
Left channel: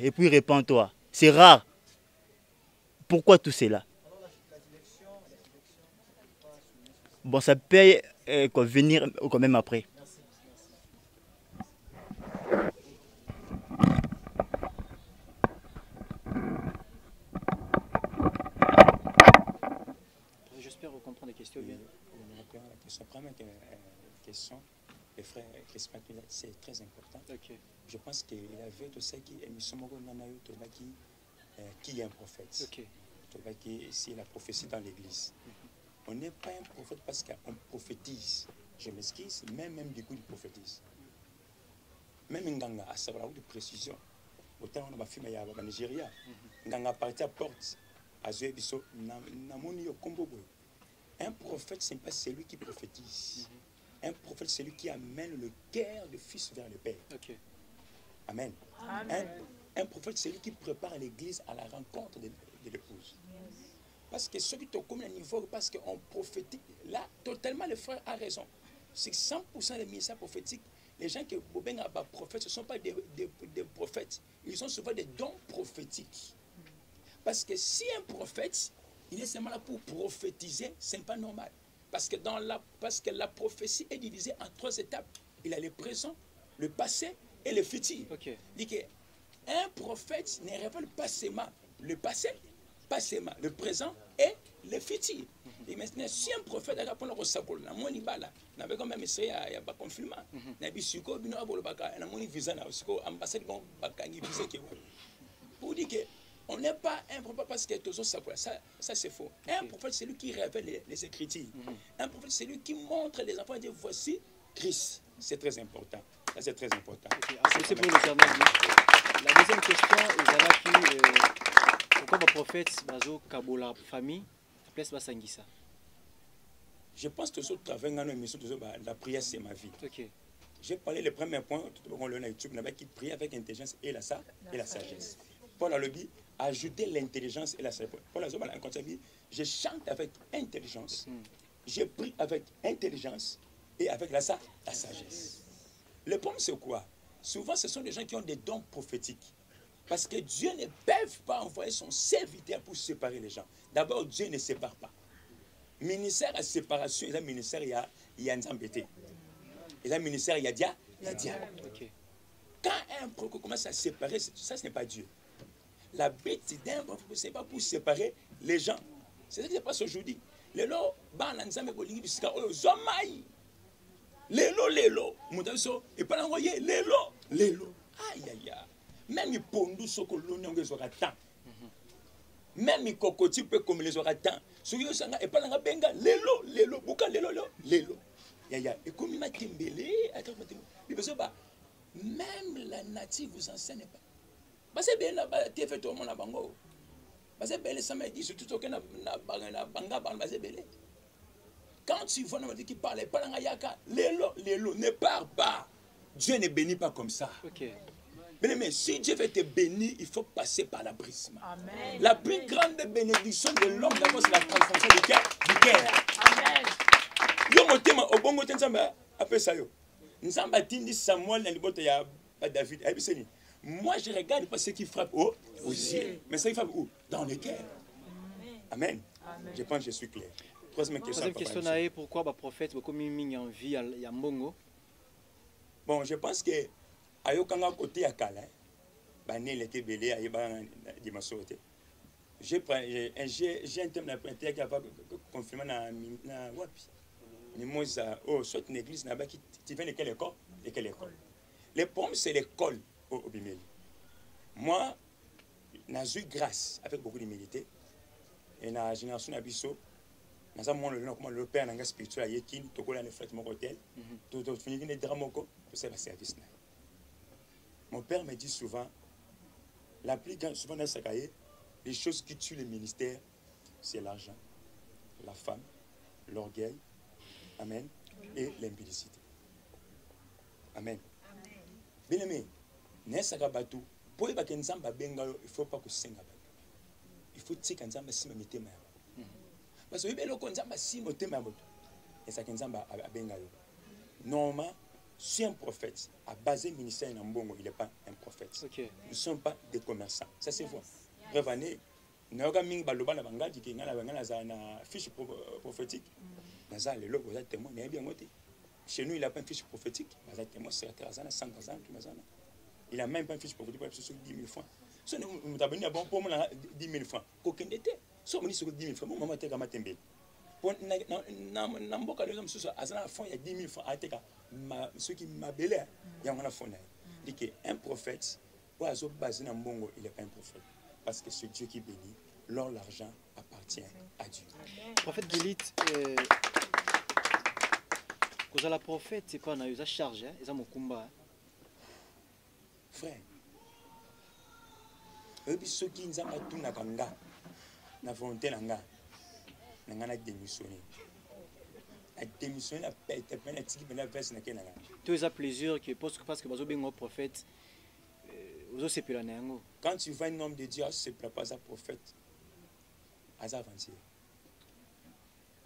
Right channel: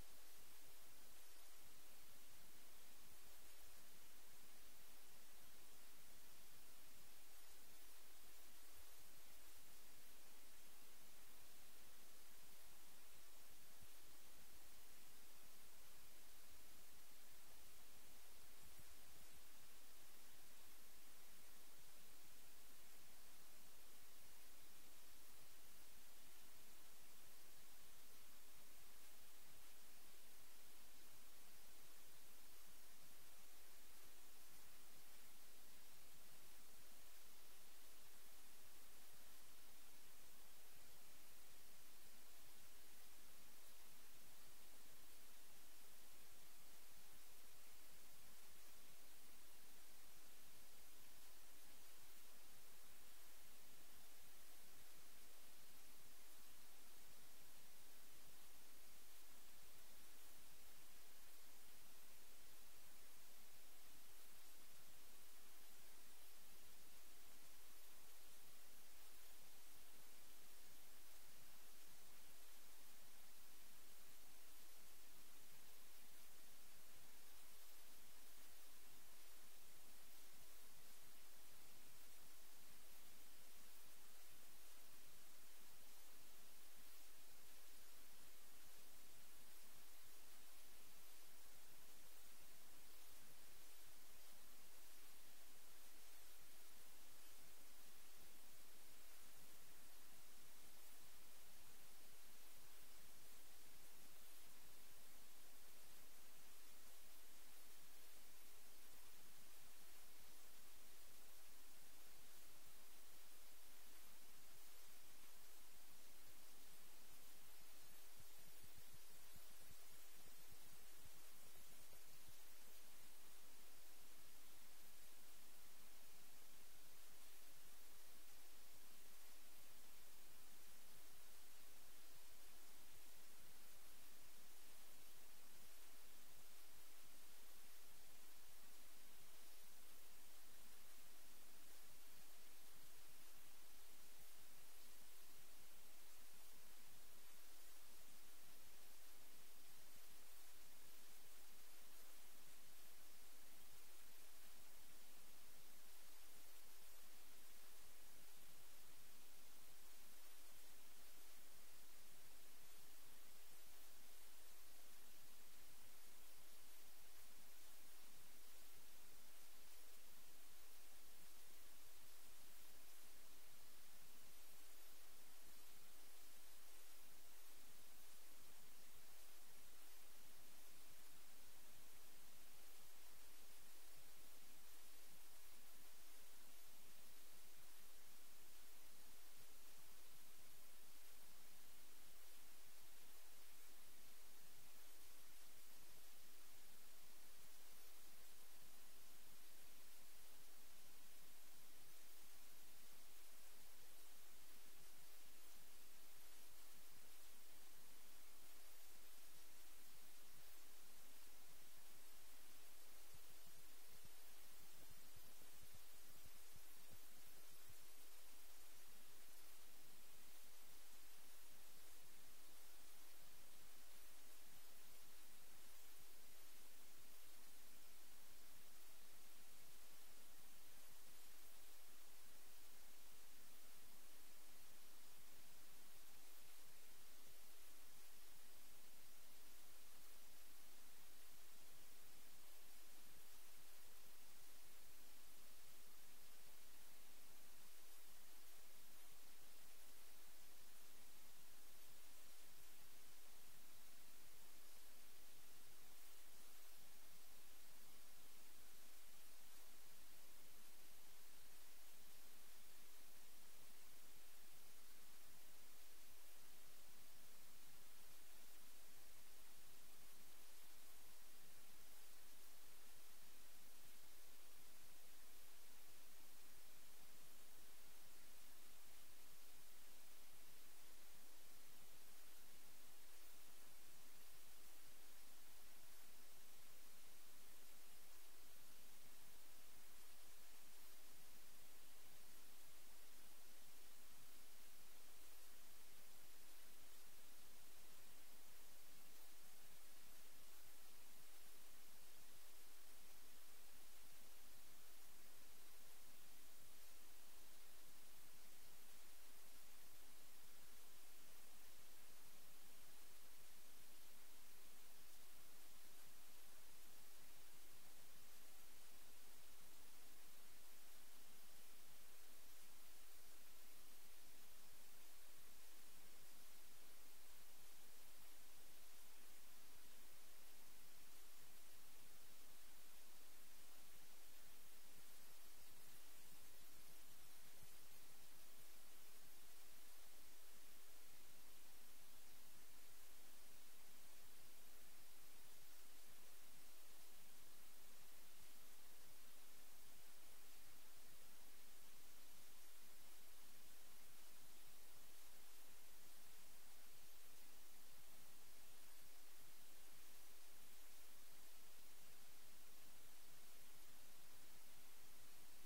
et puis répands-toi. C'est rare. Pourquoi tout cela? Bon, ça peut venir quand même après. J'espère comprendre les questions bien. répondre à la question. Première question, le frère Crispin, c'est très important. Ok. Je pense qu'il avait tout ça qui est qui est un prophète. Ok. C'est la prophétie dans l'église. On n'est pas un prophète parce qu'on prophétise. Je m'excuse, même du coup, il prophétise. Même Nganga, à savoir de précision. Autant on a fait au Nigeria. Nganga parti à porte. À Zébiso, Namoni au Kombobo. Un prophète, ce n'est pas celui qui prophétise. Un prophète, c'est celui qui amène le cœur du fils vers le père. Ok. Amen. Un prophète, c'est celui qui prépare l'église à la rencontre de l'épouse. Parce que ceux qui te commun à niveau, parce qu'on prophétique, là, totalement, le frère a raison. C'est 100% des ministères prophétiques. Les gens qui sont prophètes, ce ne sont pas des prophètes. Ils ont souvent des dons prophétiques. Parce que si un prophète, il est seulement là pour prophétiser, ce n'est pas normal. Parce que la prophétie est divisée en 3 étapes. Il a le présent, le passé et le futur. Okay. Il dit qu'un prophète ne révèle pas seulement le passé, pas seulement le présent et le futur. Et maintenant, si un prophète a répondu au sabot, la moni bala, n'a pas même essayé à pas confirmer. N'a pas su quoi, bino abolo baka, n'a moni visa na aussi ambassade gon baka ni visa qui pour dire que on n'est pas un prophète parce que tous ça c'est faux. Un prophète c'est lui qui révèle les écritures. Un prophète c'est lui qui montre les enfants et dit voici Christ. C'est très important. Ça c'est très important. C'est pour l'éternel. La deuxième question est pourquoi le prophète bazo kabola famille place basangisa. Je pense que ce travail dans l'émission la prière c'est ma vie. Okay. J'ai parlé le premier point tout le monde le YouTube qui prie avec intelligence et la sagesse. Paul a le dit ajouter l'intelligence et la sagesse. Paul a dit je chante avec intelligence. Je prie avec intelligence et avec la sagesse. Le problème c'est quoi? Souvent ce sont des gens qui ont des dons prophétiques. Parce que Dieu ne peut pas envoyer son serviteur pour séparer les gens. D'abord, Dieu ne sépare pas. Ministère à séparation, il y a ministère, il y a Nzambete. Il y a ministère, il y a Dia. Okay. Quand un prophète commence à séparer, ça ce n'est pas Dieu. La bête d'un prophète, ce n'est pas pour séparer les gens. C'est ce qui se passe aujourd'hui. Lelo, Bananzame Bolingi du Sika, oh, Zomai. Lelo. Moutaso, et pas l'envoyer, Lelo. Aïe. Même les pondus sont coloniaux des oratans. Même les cocotiers peuvent comme les oratans. Ceux qui sont et pas dans la benga, Lelo, Bouka, Lelo. Yaya, et comme il m'a tembélé, même la native vous enseigne pas. Parce que bien là-bas, tu fais tout le monde à Bango. Parce que bien, ça m'a dit, surtout que na Banga, quand tu vois un qui parle, pas dans la Yaka, Lelo, ne parle pas. Dieu ne bénit pas comme ça. Okay. Mais si Dieu veut te bénir, il faut passer par l'abrissement. La plus grande bénédiction de l'homme, d'abord, c'est la transformation du cœur. Amen. Yo motema obongo te nzamba apesa yo. Nzamba tindi Samuel na liboto ya David. Moi je regarde pas ce qui frappe aux yeux, mais ça qui frappe où? Dans le cœur. Amen. Je pense que je suis clair. Troisième question est pourquoi le prophète beaucoup mis en vie à Mbongo? Bon, je pense que ayokanga côté ya kala bané l'été belé ayeba di masote. J'ai un thème na prêté qui va confirmer na wapi. Ni moza soit une église na ba qui tu viens de quelle école et quelle école. Le problème c'est l'école au Bimeli. Moi j'ai eu grâce avec beaucoup d'humilité et na génération na biso na mon le père na spirituel yekin to kola ne fête mon hôtel to finir ne dramoko pour faire service. Mon père me dit souvent, la plus grande, souvent dans sa carrière, les choses qui tuent le ministère, c'est l'argent, la femme, l'orgueil, amen, et l'impudicité. Amen. Bien aimé, il faut pas que Nzamba bengalo, il faut pas que Senga. Il faut que Nzamba si me mette ma. Parce que le Nzamba si me mette ma et ça que Nzamba bengalo. Normalement, si un prophète a basé le ministère en Mbongo, il n'est pas un prophète. Okay. Nous ne sommes pas des commerçants. Ça c'est vrai. Prévenez, nous avons mis Baloba la Banga qui est une fiche prophétique. Nous avons le témoin. Chez nous, il n'a pas une fiche prophétique. Nous avons témoin, c'est 100 ans. Il n'a même pas une fiche prophétique pour 10 000 francs. Si nous avons dit pour 10 000 francs, qu'aucun n'était. Si on dit 10 000 francs, mon maman était comme un tembe. na mboka lelo mosusu aza na fond ya 10 000 francs ateka soki mabele yango na fond na ye dike un prophète oyo azobase na mbongo il est pas un prophète parce que c'est Dieu qui bénit lors l'argent appartient à Dieu. Prophète Gilit, quand la prophète c'est pas na yosa charge eza mokumba frère oyebi soki nzambe atunaka nga na volonté na nga na démissionné na pete pena tiki pena verse na kenanga tous les plaisir que parce que bazo bengo prophète ozo sepela na yango. Quand tu vois un homme de Dieu se prépare à prophète à avancer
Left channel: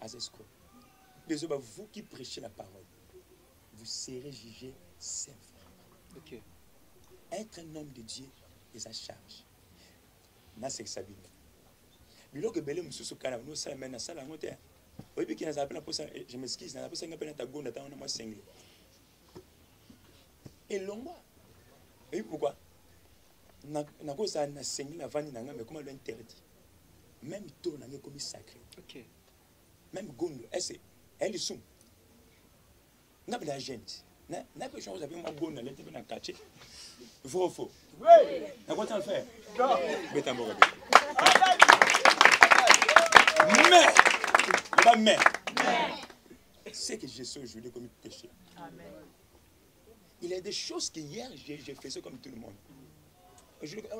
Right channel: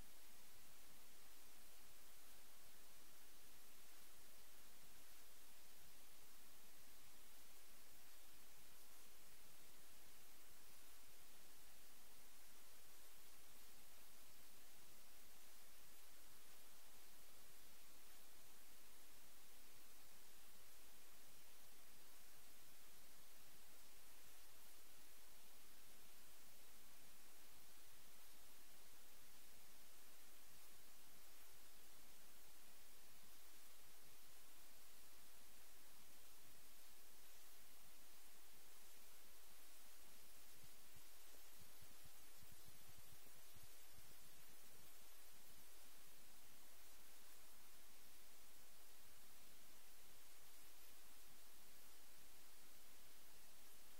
à escroc désolé vous qui prêchez la parole vous serez jugé sévère. OK. Être un homme de Dieu est à charge na c'est ça bien biloko belé mususu kana no sala mena sala ngote oyebi ki naza pena posa je m'excuse na posa ngapena ta gonda ta na moi sengle et longwa et pourquoi na kosa na sengle na vandi na nga mais comment l'interdit même to na comme sacré. OK. Même gondo est elle sum na bela gente na pe chose avec moi gondo la tebe na quartier faux oui na quoi t'en faire beta mboka mais c'est que je sais aujourd'hui comme péché. Amen. Il y a des choses que hier j'ai fait ça comme tout le monde.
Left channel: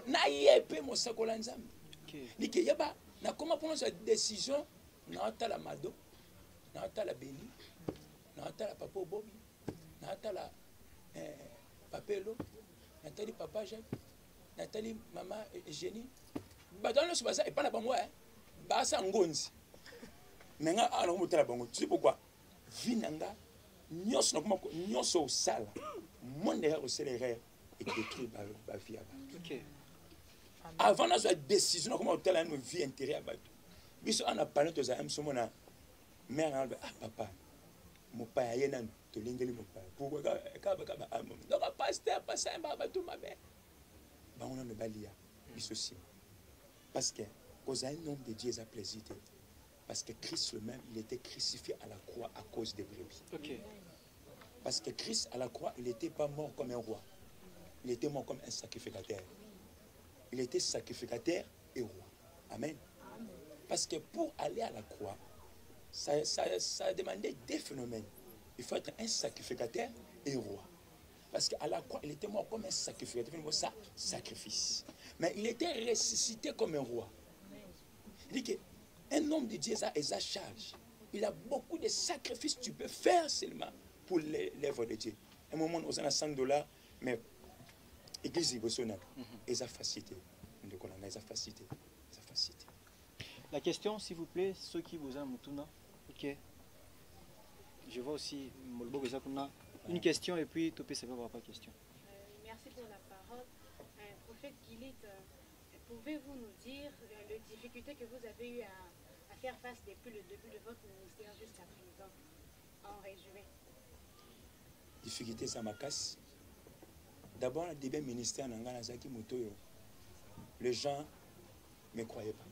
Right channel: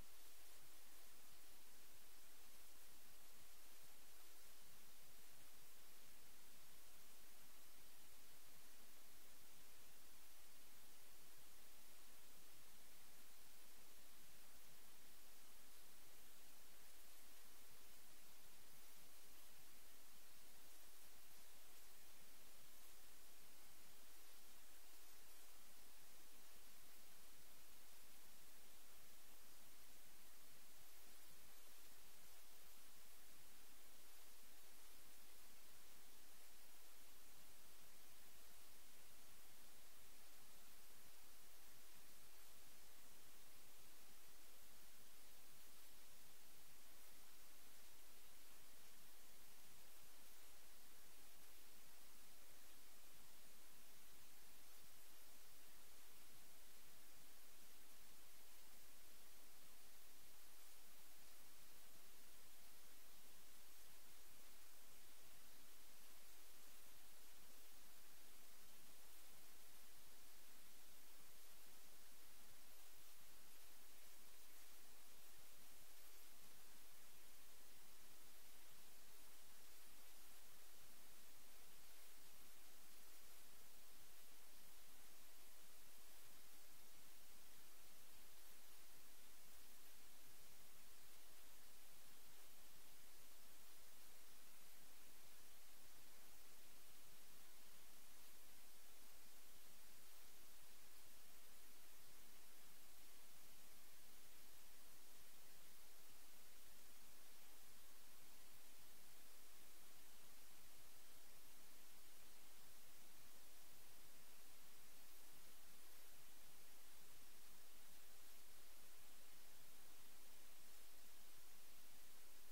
Na yepé mo sakola nzambe. Ni ke yaba na comment prendre cette décision na ta la mado na ta la béni na ta la papa bobi na ta la papelo na ta li papa Jacques na ta li maman Eugénie badano so basa et pas na bango basa ngonzi menga ala mo tala bango tu sais pourquoi vinanga nyos na kuma nyos au sala monde est au céléré et détruit ba vie. OK. Avant la décision comment tala nos vie intérieure ba biso ana parler to za am somo na mère na papa mon père yena to lingeli mon père pourquoi ka donc pasteur passer ba tout ma mère ba on ne balia biso si parce que cause un nom de Dieu a plaisir parce que Christ lui-même il était crucifié à la croix à cause des brebis. OK. Parce que Christ à la croix il n'était pas mort comme un roi, il était mort comme un sacrificateur. Il était sacrificateur et roi. Amen. Parce que pour aller à la croix, ça demandait des phénomènes. Il faut être un sacrificateur et roi. Parce qu'à la croix, il était mort comme un sacrificateur, ça, sacrifice. Mais il était ressuscité comme un roi. Il dit qu'un homme de Dieu a sa charge. Il a beaucoup de sacrifices que tu peux faire seulement pour l'œuvre de Dieu. Un moment, on a $100, mais l'église est sa facilité. Facilité. La question, s'il vous plaît, ceux qui vous aiment, OK. Je vois aussi une question et puis tout peut se faire pas question. Merci pour la parole. Prophète Gilit, pouvez-vous nous dire les difficultés que vous avez eu à faire face depuis le début de votre ministère jusqu'à présent, en résumé? Difficulté, ça m'a cassé. D'abord, le début ministère, les gens ne croyaient pas.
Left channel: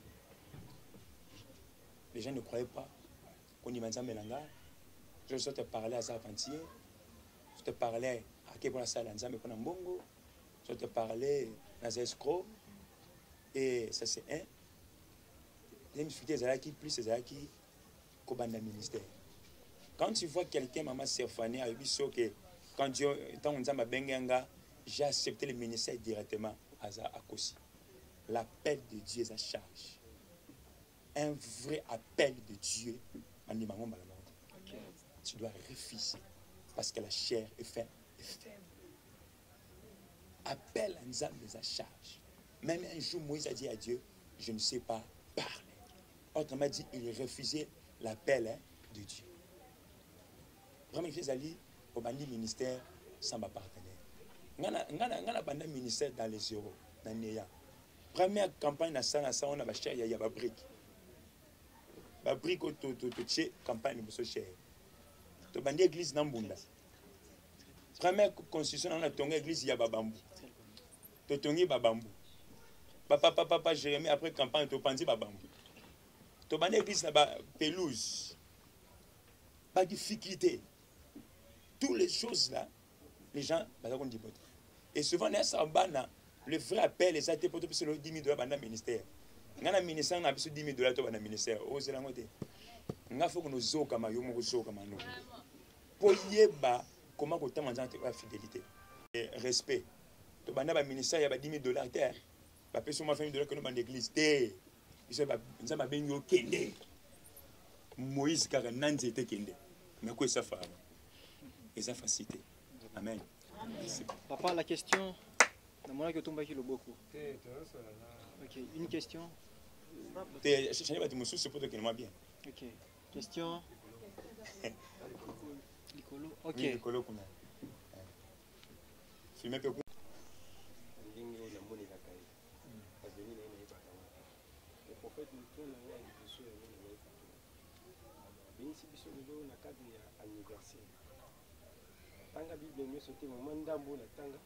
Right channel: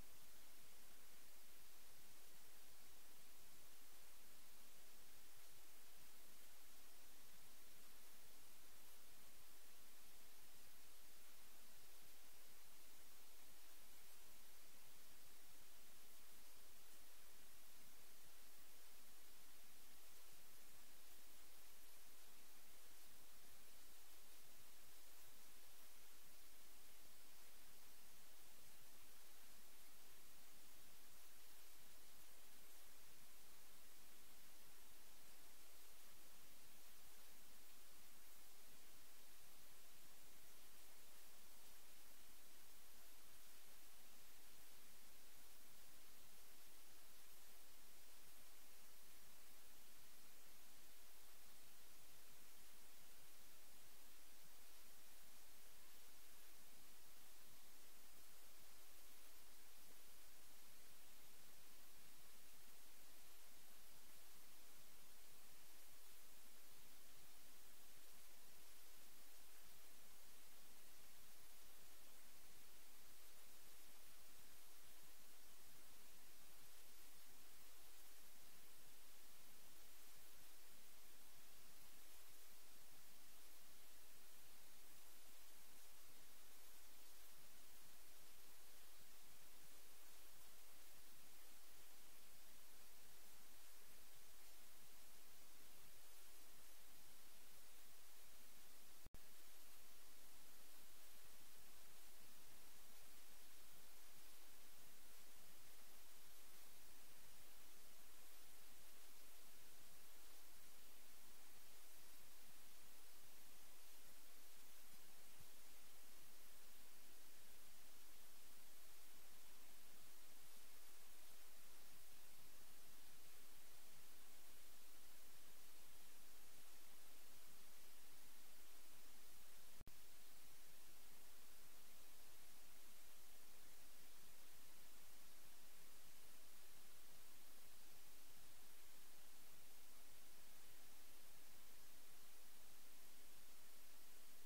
Les gens ne croyaient pas qu'on y m'a Melanga. Je te parlais à Zavantier, je te parlais à Kebona Salanza, mais pendant Bongo, je te parlais à Zescro, et ça c'est un. Les difficultés, c'est qui plus c'est qui Kobanda ministère. Quand tu vois quelqu'un, maman Stéphanie, a eu que quand Dieu, tant on a Bengenga, j'ai accepté le ministère directement à Kosi. L'appel de Dieu est à charge. Un vrai appel de Dieu. Tu dois refuser parce que la chair est faible. Appel à Nzambe est à charge. Même un jour, Moïse a dit à Dieu, je ne sais pas parler. Autrement dit, il refusait l'appel de Dieu. Vraiment, il faisait aller au bandi ministère sans ma partenaire. Ngana banda ministère dans les euros, dans Néa. Première campagne na ça on a ba cher ya ba brique. Ba brique au to campagne bo so cher. To bandi église na Mbunda. Première constitution on a tonga église ya babambu. To tongi babambu. Papa Jérémie après campagne to pandi babambu. To bandi église na ba pelouse. pas de difficulté. Toutes les choses là, les gens, et souvent, le vrai appel, les athées pour 10 000 $ dans le ministère. Dans le ministère, on a 10 000 $ dans le ministère. On a fait que nous sommes comme nous. Pour y avoir comment on a la fidélité. Et respect. Dans le ministère, il y a 10 000 $. Il y a des famille que nous avons l'église. Nous avons Kende. Moïse, car un an était Kende. Mais quoi ça fait? Et ça facilite. Amen. Papa, la question. Beaucoup. Ok, une question. Ok, question. Ok. Tanga Bible nyo sote moment ndambo na tanga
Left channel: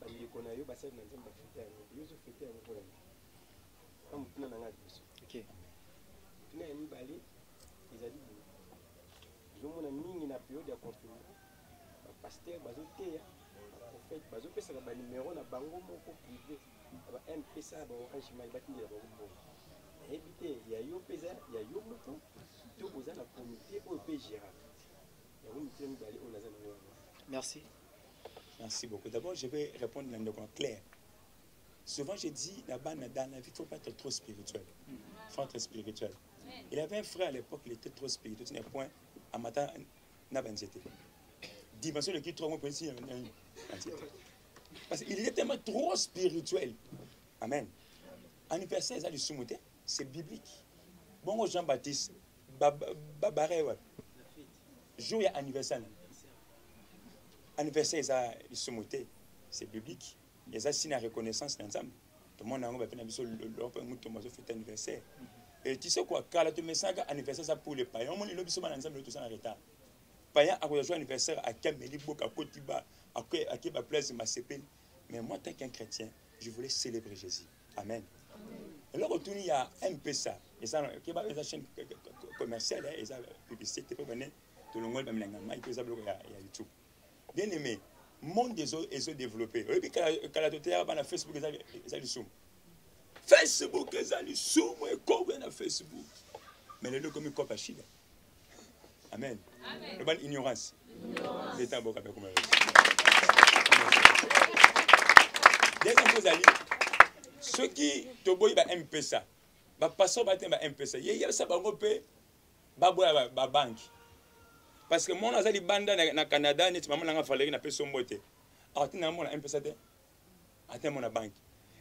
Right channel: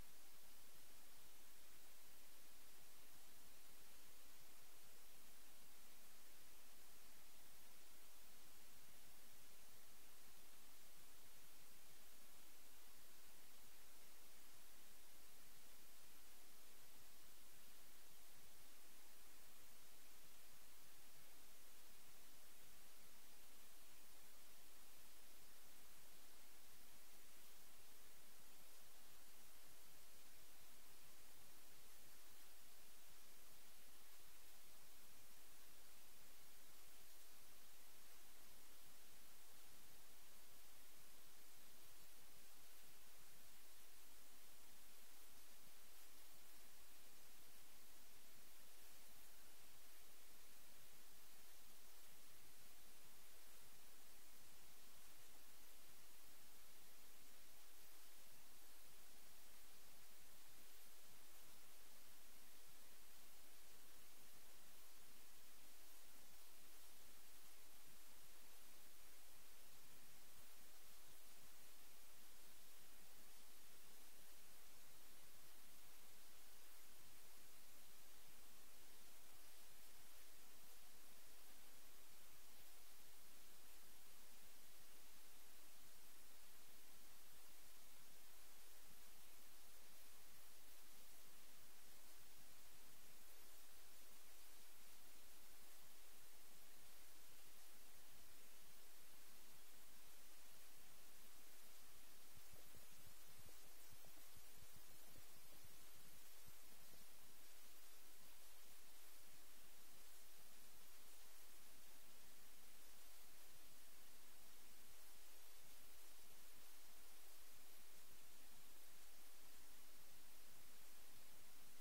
bandeko na yo basali na nzamba fete ya yo fete ya ko la comme tuna na ngati so OK tuna ya mibale ezali zo mona mingi na période ya confinement ba pasteur bazo teya prophète bazo pesa ba numéro na bango moko privé ba MPSA ba orange mai batindi ya bango ebité ya yo pesa ya yo moko to boza na comité o pe gérer ya wo mitemi bali on azana na. Merci. Merci beaucoup. D'abord, je vais répondre dans le clair. Souvent, je dis là-bas, dans la vie, il ne faut pas être trop spirituel. Il faut être spirituel. Il avait un frère à l'époque, il était trop spirituel. Il n'y a point à matin, n'a pas été. Dimension de qui trop moi ici. Parce qu'il était tellement trop spirituel. Amen. Anniversaire, ça du soumouté, c'est biblique. Bon, Jean-Baptiste, Babaré, jour et anniversaire. Anniversaire, c'est biblique. Il y a une reconnaissance ensemble. Tout le monde a fait anniversaire. Et tu sais quoi, quand tu mets ça anniversaire, ça pour les païens, on est ensemble tout ça en retard. Païens a joué anniversaire à Kameli, à Kotiba, à Kiba Place, mais moi, tant qu'un chrétien, je voulais célébrer Jésus. Amen. Et là, il y a un peu ça. Et ça, il y a une chaîne commerciale, et ça, publicité, tout le monde a YouTube. Bien aimé, le monde des autres est développé. Et puis, quand la totalité a Facebook, ils ont du zoom. Facebook, ils ont du zoom, et quand on a Facebook. Mais les deux, comme ils copent à Chine. Amen. Le ban ignorance. L'État bon avec comme deuxième chose à dire, ceux qui te voient ba M-Pesa, ba passeur ba M-Pesa. Il y a ça ba ngopé ba boya ba banque. Parce que mon azali banda na Canada net maman nga falleri na peso mbote. Atina mon M-Pesa te. Atina mon banque.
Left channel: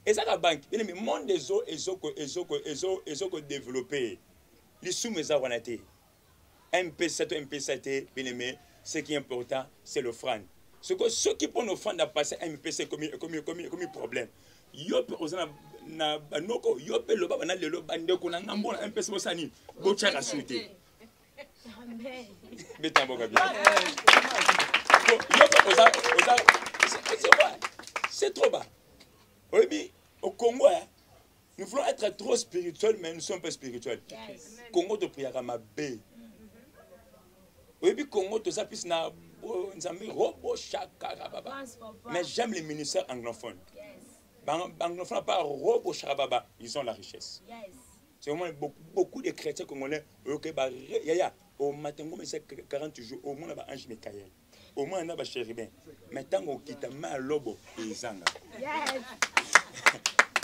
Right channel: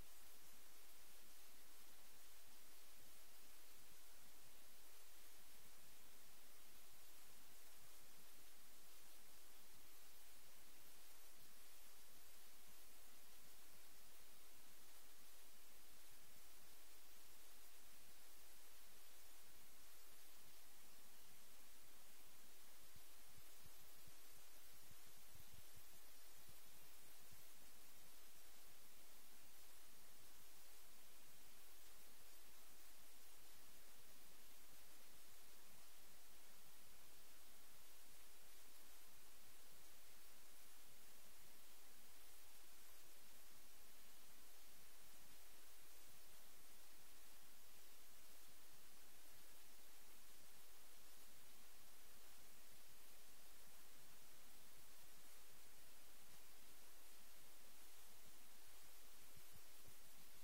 Et ça la banque, bien mais monde des eaux et développé. Les sous mes avantages. M-Pesa bien aimé, ce qui est important, c'est l'offrande. Ce que ceux qui prennent l'offrande à passer M-Pesa comme problème. Yo pe ozana na banoko, yo pe loba na lelo bande ko na ngambo na M-Pesa bosani, bocha ka suite. Amen. Beta boka bien. Yo pe c'est trop bas. Oui, au Congo, nous voulons être trop spirituels, mais nous ne sommes pas spirituels. Yes. Congo de prière à ma baie. Oui, puis Congo, tout ça, puis na robo chaka. Mais j'aime les ministères anglophones. Anglophones, pas robo chaka, ils ont la richesse. Yes. C'est vraiment beaucoup de chrétiens congolais. Au matin, c'est 40 jours, au moins, on a un ange Michael. Au moins, on a un chérubin. Mais tant qu'on quitte ma lobo, ils zanga.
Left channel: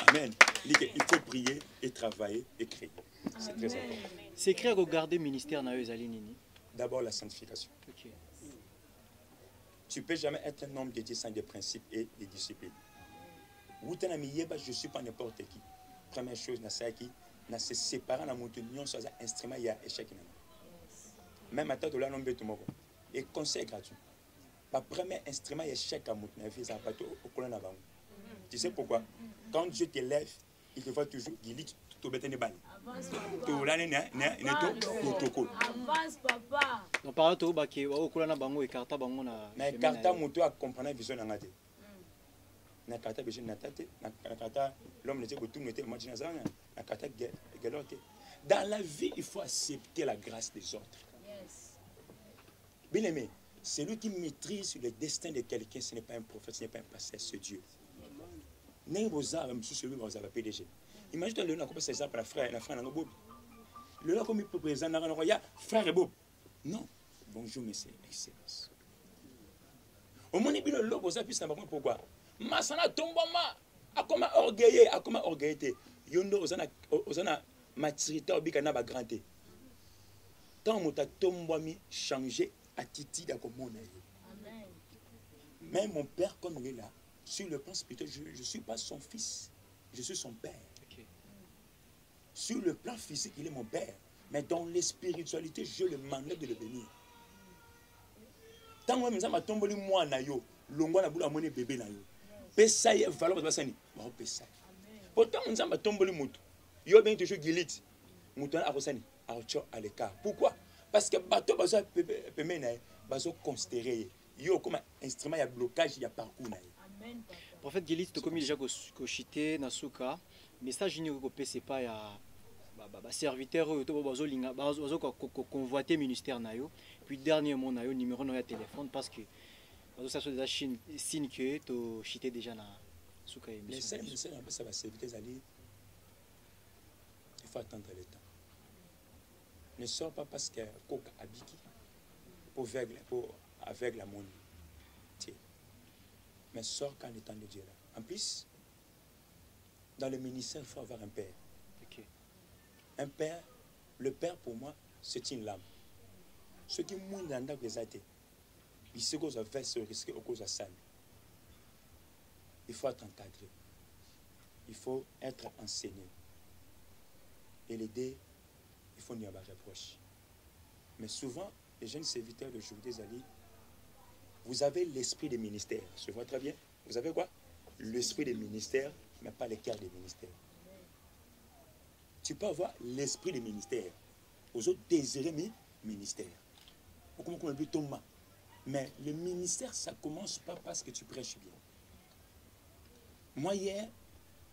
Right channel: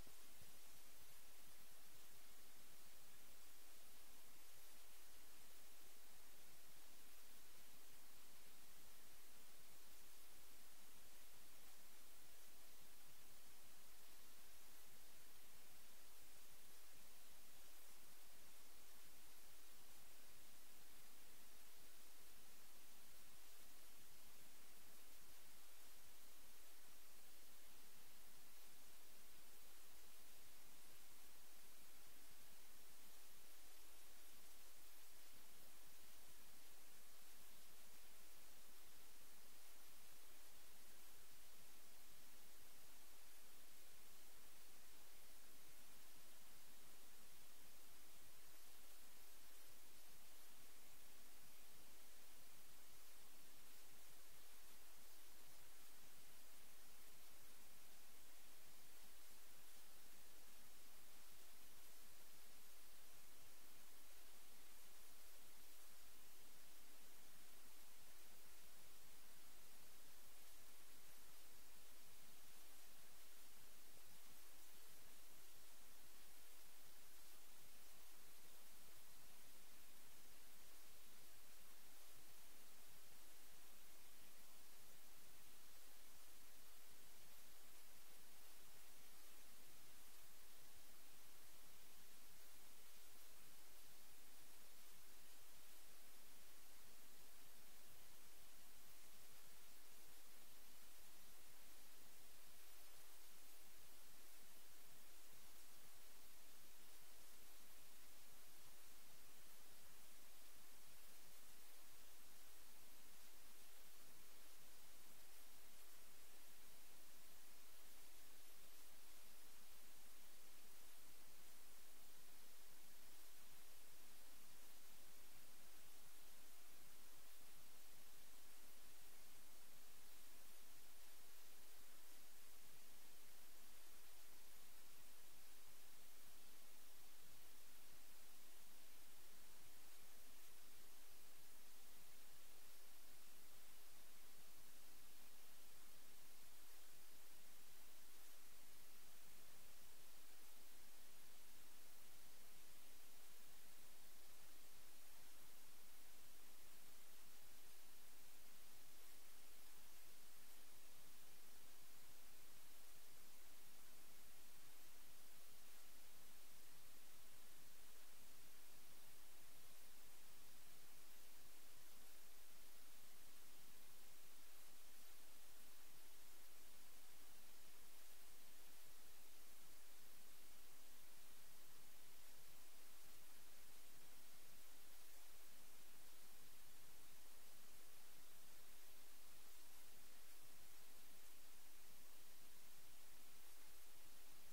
Amen. Il faut prier et travailler et créer. C'est très important. C'est créer à regarder le ministère dans les Alinini. D'abord la sanctification. Okay. Tu ne peux jamais être un homme dédié sans des principes et des disciplines. Je ne suis pas n'importe qui. Première chose, je se séparer dans mon union sur un instrument, il y a échec. Même à temps de l'homme et conseil gratuit. Le premier instrument, il y a échec à mon vie, c'est un bateau au colonne avant. Tu sais pourquoi? Quand Dieu te lève, il te voit toujours, il dit tout bête n'est pas. Avance papa. On parle de baki au colonne bango et carta bango na. Mais carta moto a comprendre vision ngate. Na carta vision na tête, na carta l'homme n'était que tout n'était imaginer ça, na carta galote. Dans la vie, il faut accepter la grâce des autres. Yes. Bien aimé, celui qui maîtrise le destin de quelqu'un, ce n'est pas un prophète, ce n'est pas un pasteur, c'est Dieu. N'est-ce pas même si celui qui va PDG. Imagine le nom comme ça, la frère, la frère, le nom comme il peut présenter dans le frère et Bob. Non. Bonjour, messieurs, excellence. Au moins, il y a le logo, ça puisse savoir pourquoi. Masana tombama, a comme orgueillé, a comme orgueillé. Yondo, osana maturité, obikana ba grandé. Tant que tombami changer attitude à comme on est. Mais mon père, comme il est là, sur le plan spirituel, je ne suis pas son fils, je suis son père. Sur le plan physique, il est mon père. Mais dans les spiritualités, je le mandate de le bénir. Tant que je tombé moi na yo, longo na bula moni bébé na yo. Pesa ye valeur ba sani, ba pesa. Pourtant on zamba tombé mutu. Yo bien toujours gilit. Mutu na akosani, acho aleka. Pourquoi? Parce que bateau bazo peme na bazo considérer yo comme instrument ya blocage ya parcours na. Amen. Prophète Gilit to komi déjà ko chité na suka, message ni ko pese pa ya ba serviteur to bazo linga bazo ko convoiter ministère na yo. Puis dernièrement na yo numéro na téléphone parce que ça soit déjà signe que to chité déjà na suka émission. Les seuls ça va serviteur ali. Il faut attendre le temps. Ne sors pas parce que coca abiki pour avec la monnaie. Mais sors quand le temps de Dieu là. En plus, dans le ministère, il faut avoir un père. Okay. Un père, le père pour moi, c'est une lame. Ce qui mouille dans la présente, il se cause à faire ce risque au cause à ça. Il faut être encadré. Il faut être enseigné. Et l'aider, il faut n'y avoir reproche. Mais souvent, les jeunes serviteurs d'aujourd'hui, vous avez l'esprit des ministères. Je vois très bien. Vous avez quoi? L'esprit des ministères, mais pas le cœur des ministères. Tu peux avoir l'esprit des ministères. Aux autres désirer mes ministères. Mais le ministère, ça ne commence pas parce que tu prêches bien. Moi, hier,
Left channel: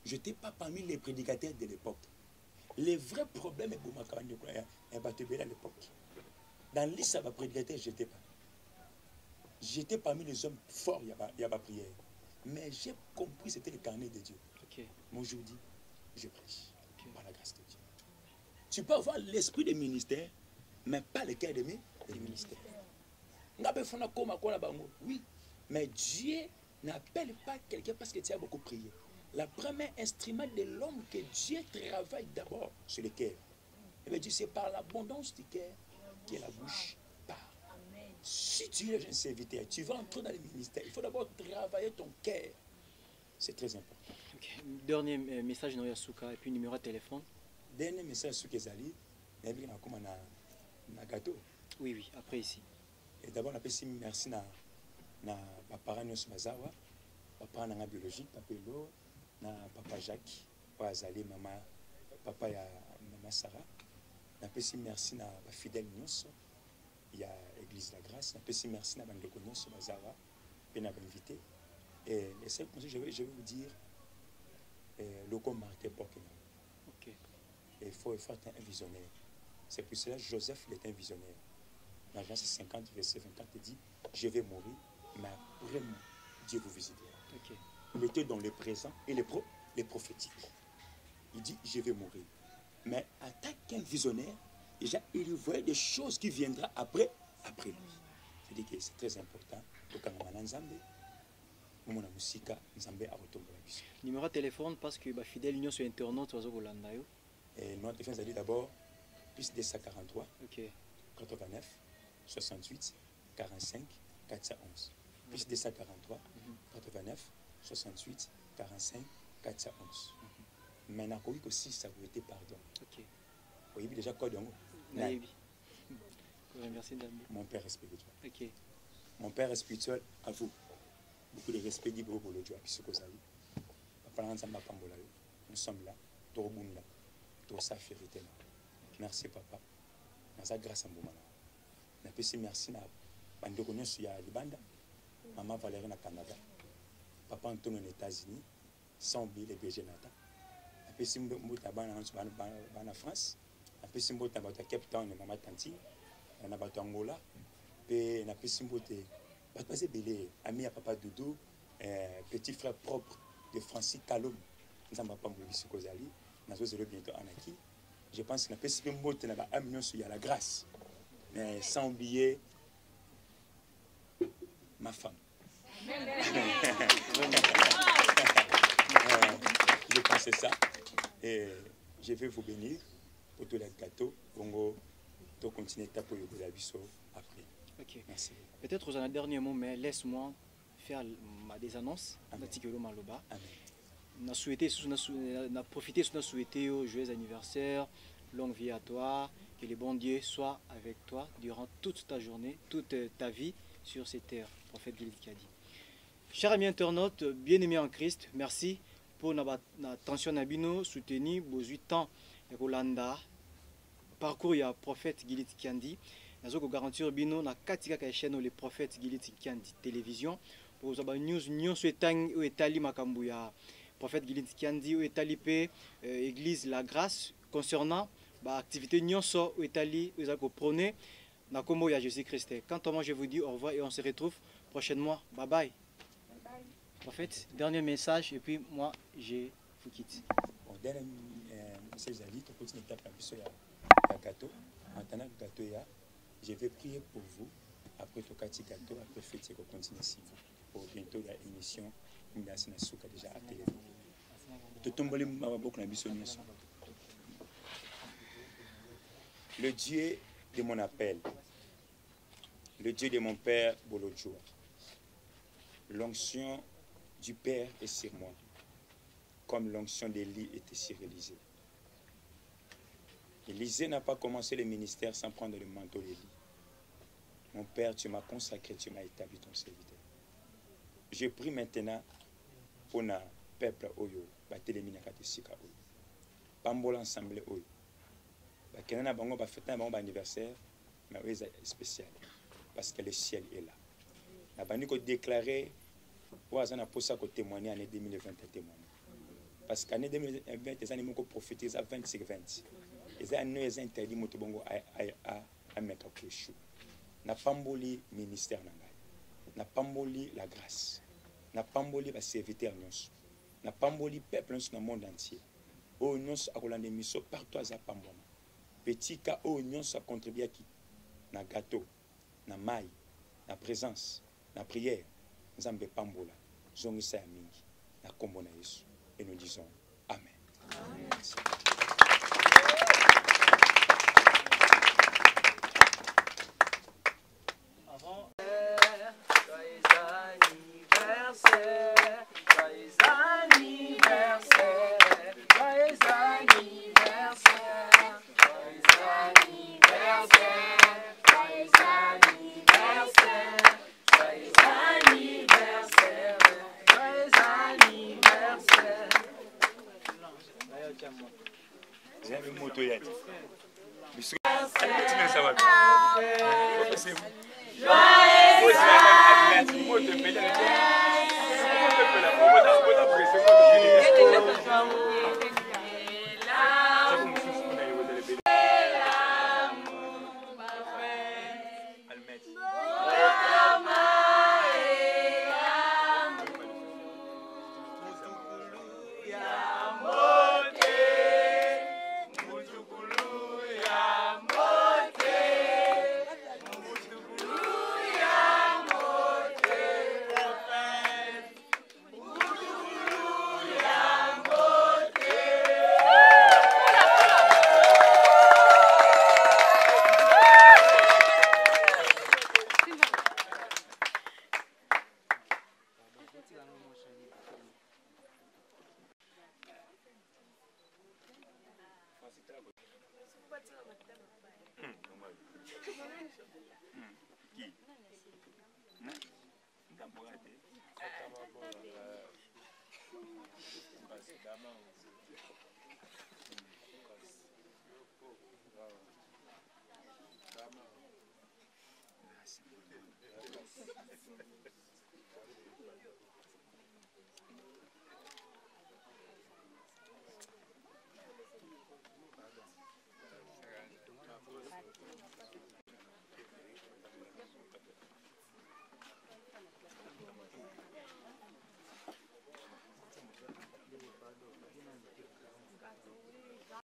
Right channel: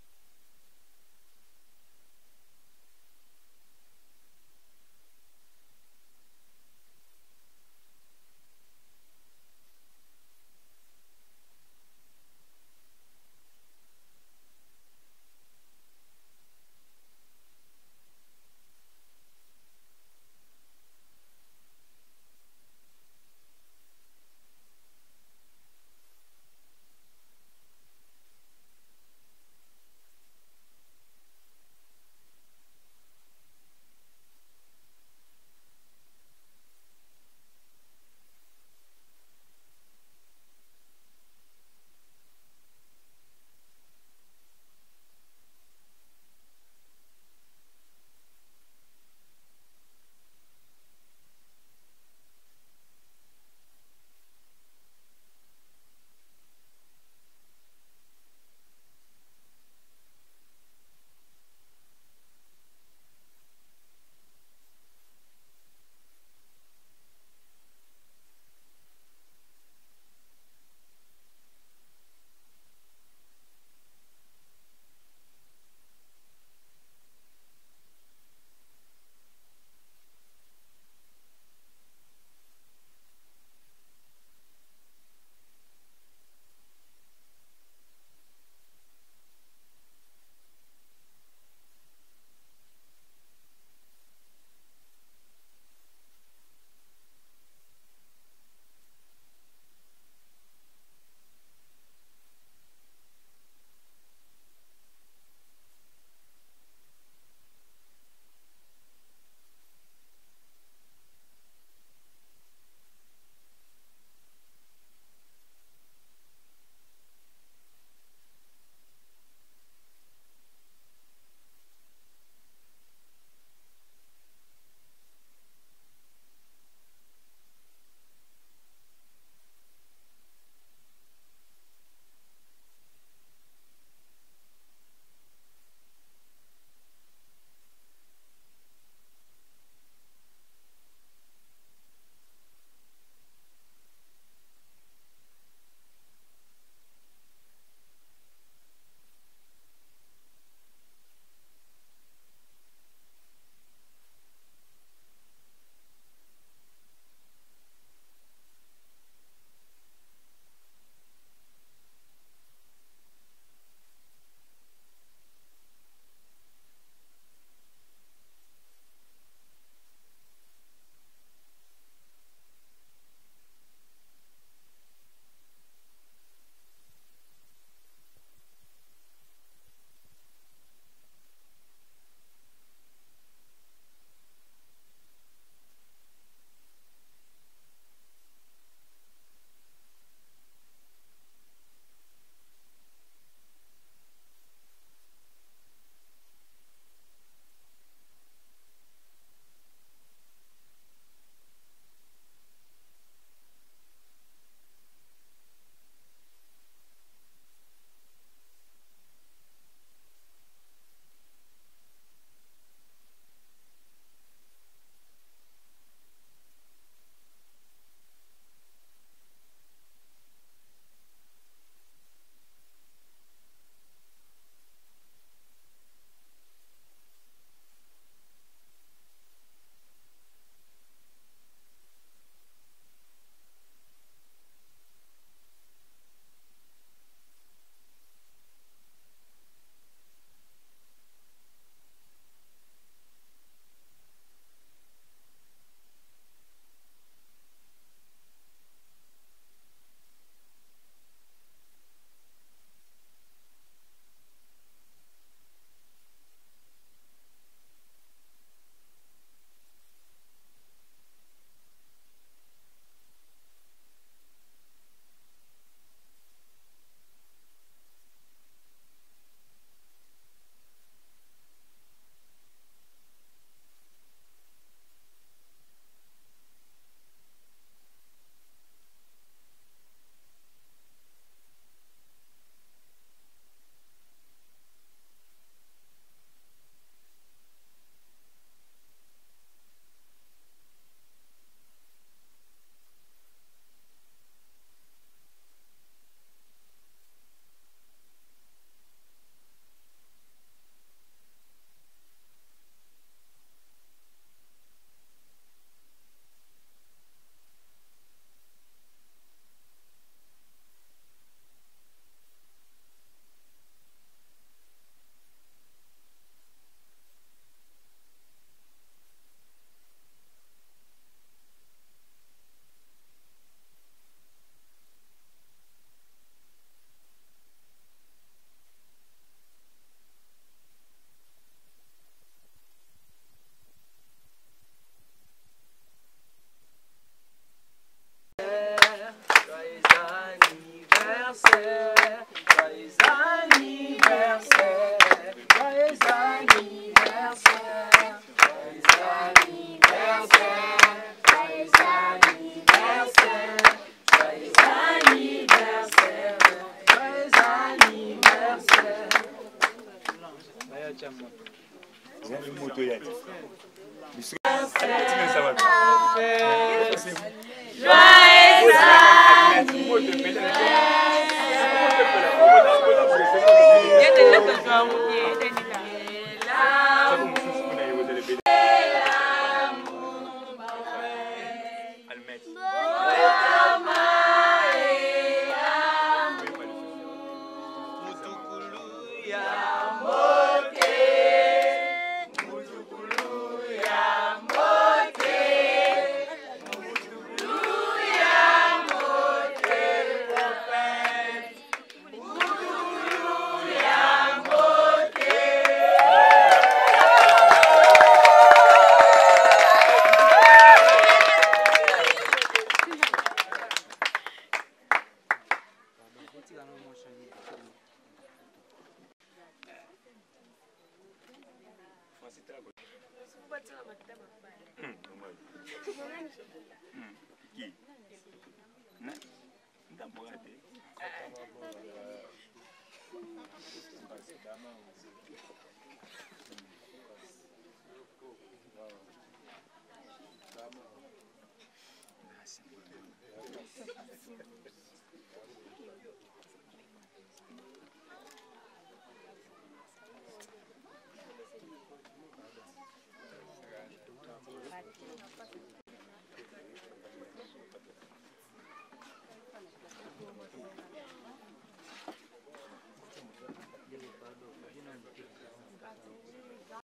je n'étais pas parmi les prédicateurs de l'époque. Les vrais problèmes, à l'époque. Dans l'île, ça va prédicateur, je n'étais pas. J'étais parmi les hommes forts, il n'y a pas prière. Mais j'ai compris c'était le carnet de Dieu. Okay. Moi, aujourd'hui, je prêche. Okay. Par la grâce de Dieu. Tu peux avoir l'esprit des ministères, mais pas le cœur de mes ministères. Oui, mais Dieu n'appelle pas quelqu'un parce que tu as beaucoup prié. Le premier instrument de l'homme que Dieu travaille d'abord sur le cœur. Il veut dire c'est par l'abondance du cœur que la bouche parle. Si tu es un jeune serviteur, tu vas entrer dans le ministère, il faut d'abord travailler ton cœur. C'est très important. Okay. Dernier message dans Yasuka et puis numéro de téléphone. Dernier message sur Kezali, il y a un gâteau. Oui, oui, après ici. Et d'abord, on appelle merci à papa Nyos Mazawa, papa na biologique, papa Elo, na papa Jacques, papa Azali, maman, papa ya maman Sarah. On appelle merci à fidèle Nyos. Il y a l'église de la grâce. On appelle merci à Bandeko Nyos Mazawa, et on a invité. Et les seuls conseils, je vais vous dire, le combat est Pokémon. Il faut être un visionnaire. C'est pour cela que Joseph il est un visionnaire. Dans Genèse 50, verset 24, il dit, je vais mourir, mais après moi, Dieu vous visitera. Okay. Il était dans le présent et les prophétiques. Il dit, je vais mourir. Mais en tant qu'un visionnaire, déjà, il voyait des choses qui viendront après lui. Je dis que c'est très important. Numéro de téléphone parce que fidèle union sur internet et notre téléphone c'est d'abord plus 243 okay. 89 68 45 411 plus 243 89 68 45 411 maintenant oui aussi ça vous était pardon ok oui déjà code merci mon père spirituel ok mon père spirituel à vous beaucoup de respect dit pour le Dieu puisque vous avez nous sommes là pour bunda pour sa vérité. Merci papa. Nasa grâce à moi. Na pesi merci na bande konyo ya Libanda. Maman Valérie na Canada. Papa Antonio aux États-Unis. Sans oublier les BG Nata. Na pesi mbota bana France. Na pesi mbota bata Cape Town na maman Tanti. Na bata Angola. pe na pesi mbote bato baza ebele ami ya papa Doudou, petit frère propre de Francis Kalom nzambe apambola biso kozali nazozela bientôt anaki. Je pense que na pesi mpe mbote na baami nyonso ya la grâce, mais sans oublier ma femme. Je pensais ça et je vais vous bénir pour tous les gâteaux. Bongo, to continuer tapo yo biso après. Ok. Merci. Peut-être aux un dernier mot, mais laisse-moi faire des annonces. Amen. On a souhaité, on a profité, on a souhaité joyeux anniversaire, longue vie à toi, que le bon Dieu soit avec toi durant toute ta journée, toute ta vie sur cette terre. Prophète Gilit Kiadi. Chers amis internautes, bien-aimés en Christ, merci pour l'attention Nabino soutenu vos 8 ans et Rolanda. Parcours ya prophète Gilit Kiandi. Nous avons garantir bino na katika ka chaîne le prophète Gilit Kiandi télévision pour avoir news souhaitang ou etali makambu ya prophète Gilit Kiandi ou etali pe église la grâce concernant ba activité nyonso ou etali vous allez prôner na kombo ya Jésus Christ. Quant à moi je vous dis au revoir et on se retrouve prochainement. Bye bye. Prophète, dernier message et puis moi je vous quitte. Bon, dernier message Ali, tu continues à taper un gâteau. Maintenant gâteau ya, je vais prier pour vous. Après ton gâteau, après fête, je continue ici pour bientôt la émission. Merci na souka déjà à télé. Tu tombes les mababok na biso nyonso. Le Dieu de mon appel, le Dieu de mon père Bolodjoa, l'onction du Père est sur moi, comme l'onction d'Élie était sur Élisée. Élisée n'a pas commencé le ministère sans prendre le manteau d'Élie. Mon Père, tu m'as consacré, tu m'as établi ton serviteur. Je prie maintenant pour le peuple Oyo, Batelemina Katesika Oyo, Pambola Ensemble Oyo, Bakenana Bango, Bafeta Bango anniversaire, mais c'est spécial, parce que le ciel est là. La Baniko déclaré. On a posé à témoigner en 2020 à témoigner. Parce qu'en 2020, les animaux ont profité à 20-20. Les animaux ont interdit à mettre au chou. N'a pas mboli ministère n'a pas mboli la grâce. N'a pas mboli la serviteur n'a pas mboli peuple dans le monde entier. Oh non, à Rolande Misso partout à Zapambona. Petit cas, oh non, ça contribue à qui? Na gâteau, na maille, na présence, na prière. Nzambe Pambola, Zongisa Mingi, na kombo na Yesu. Et nous disons Amen. Amen. Merci.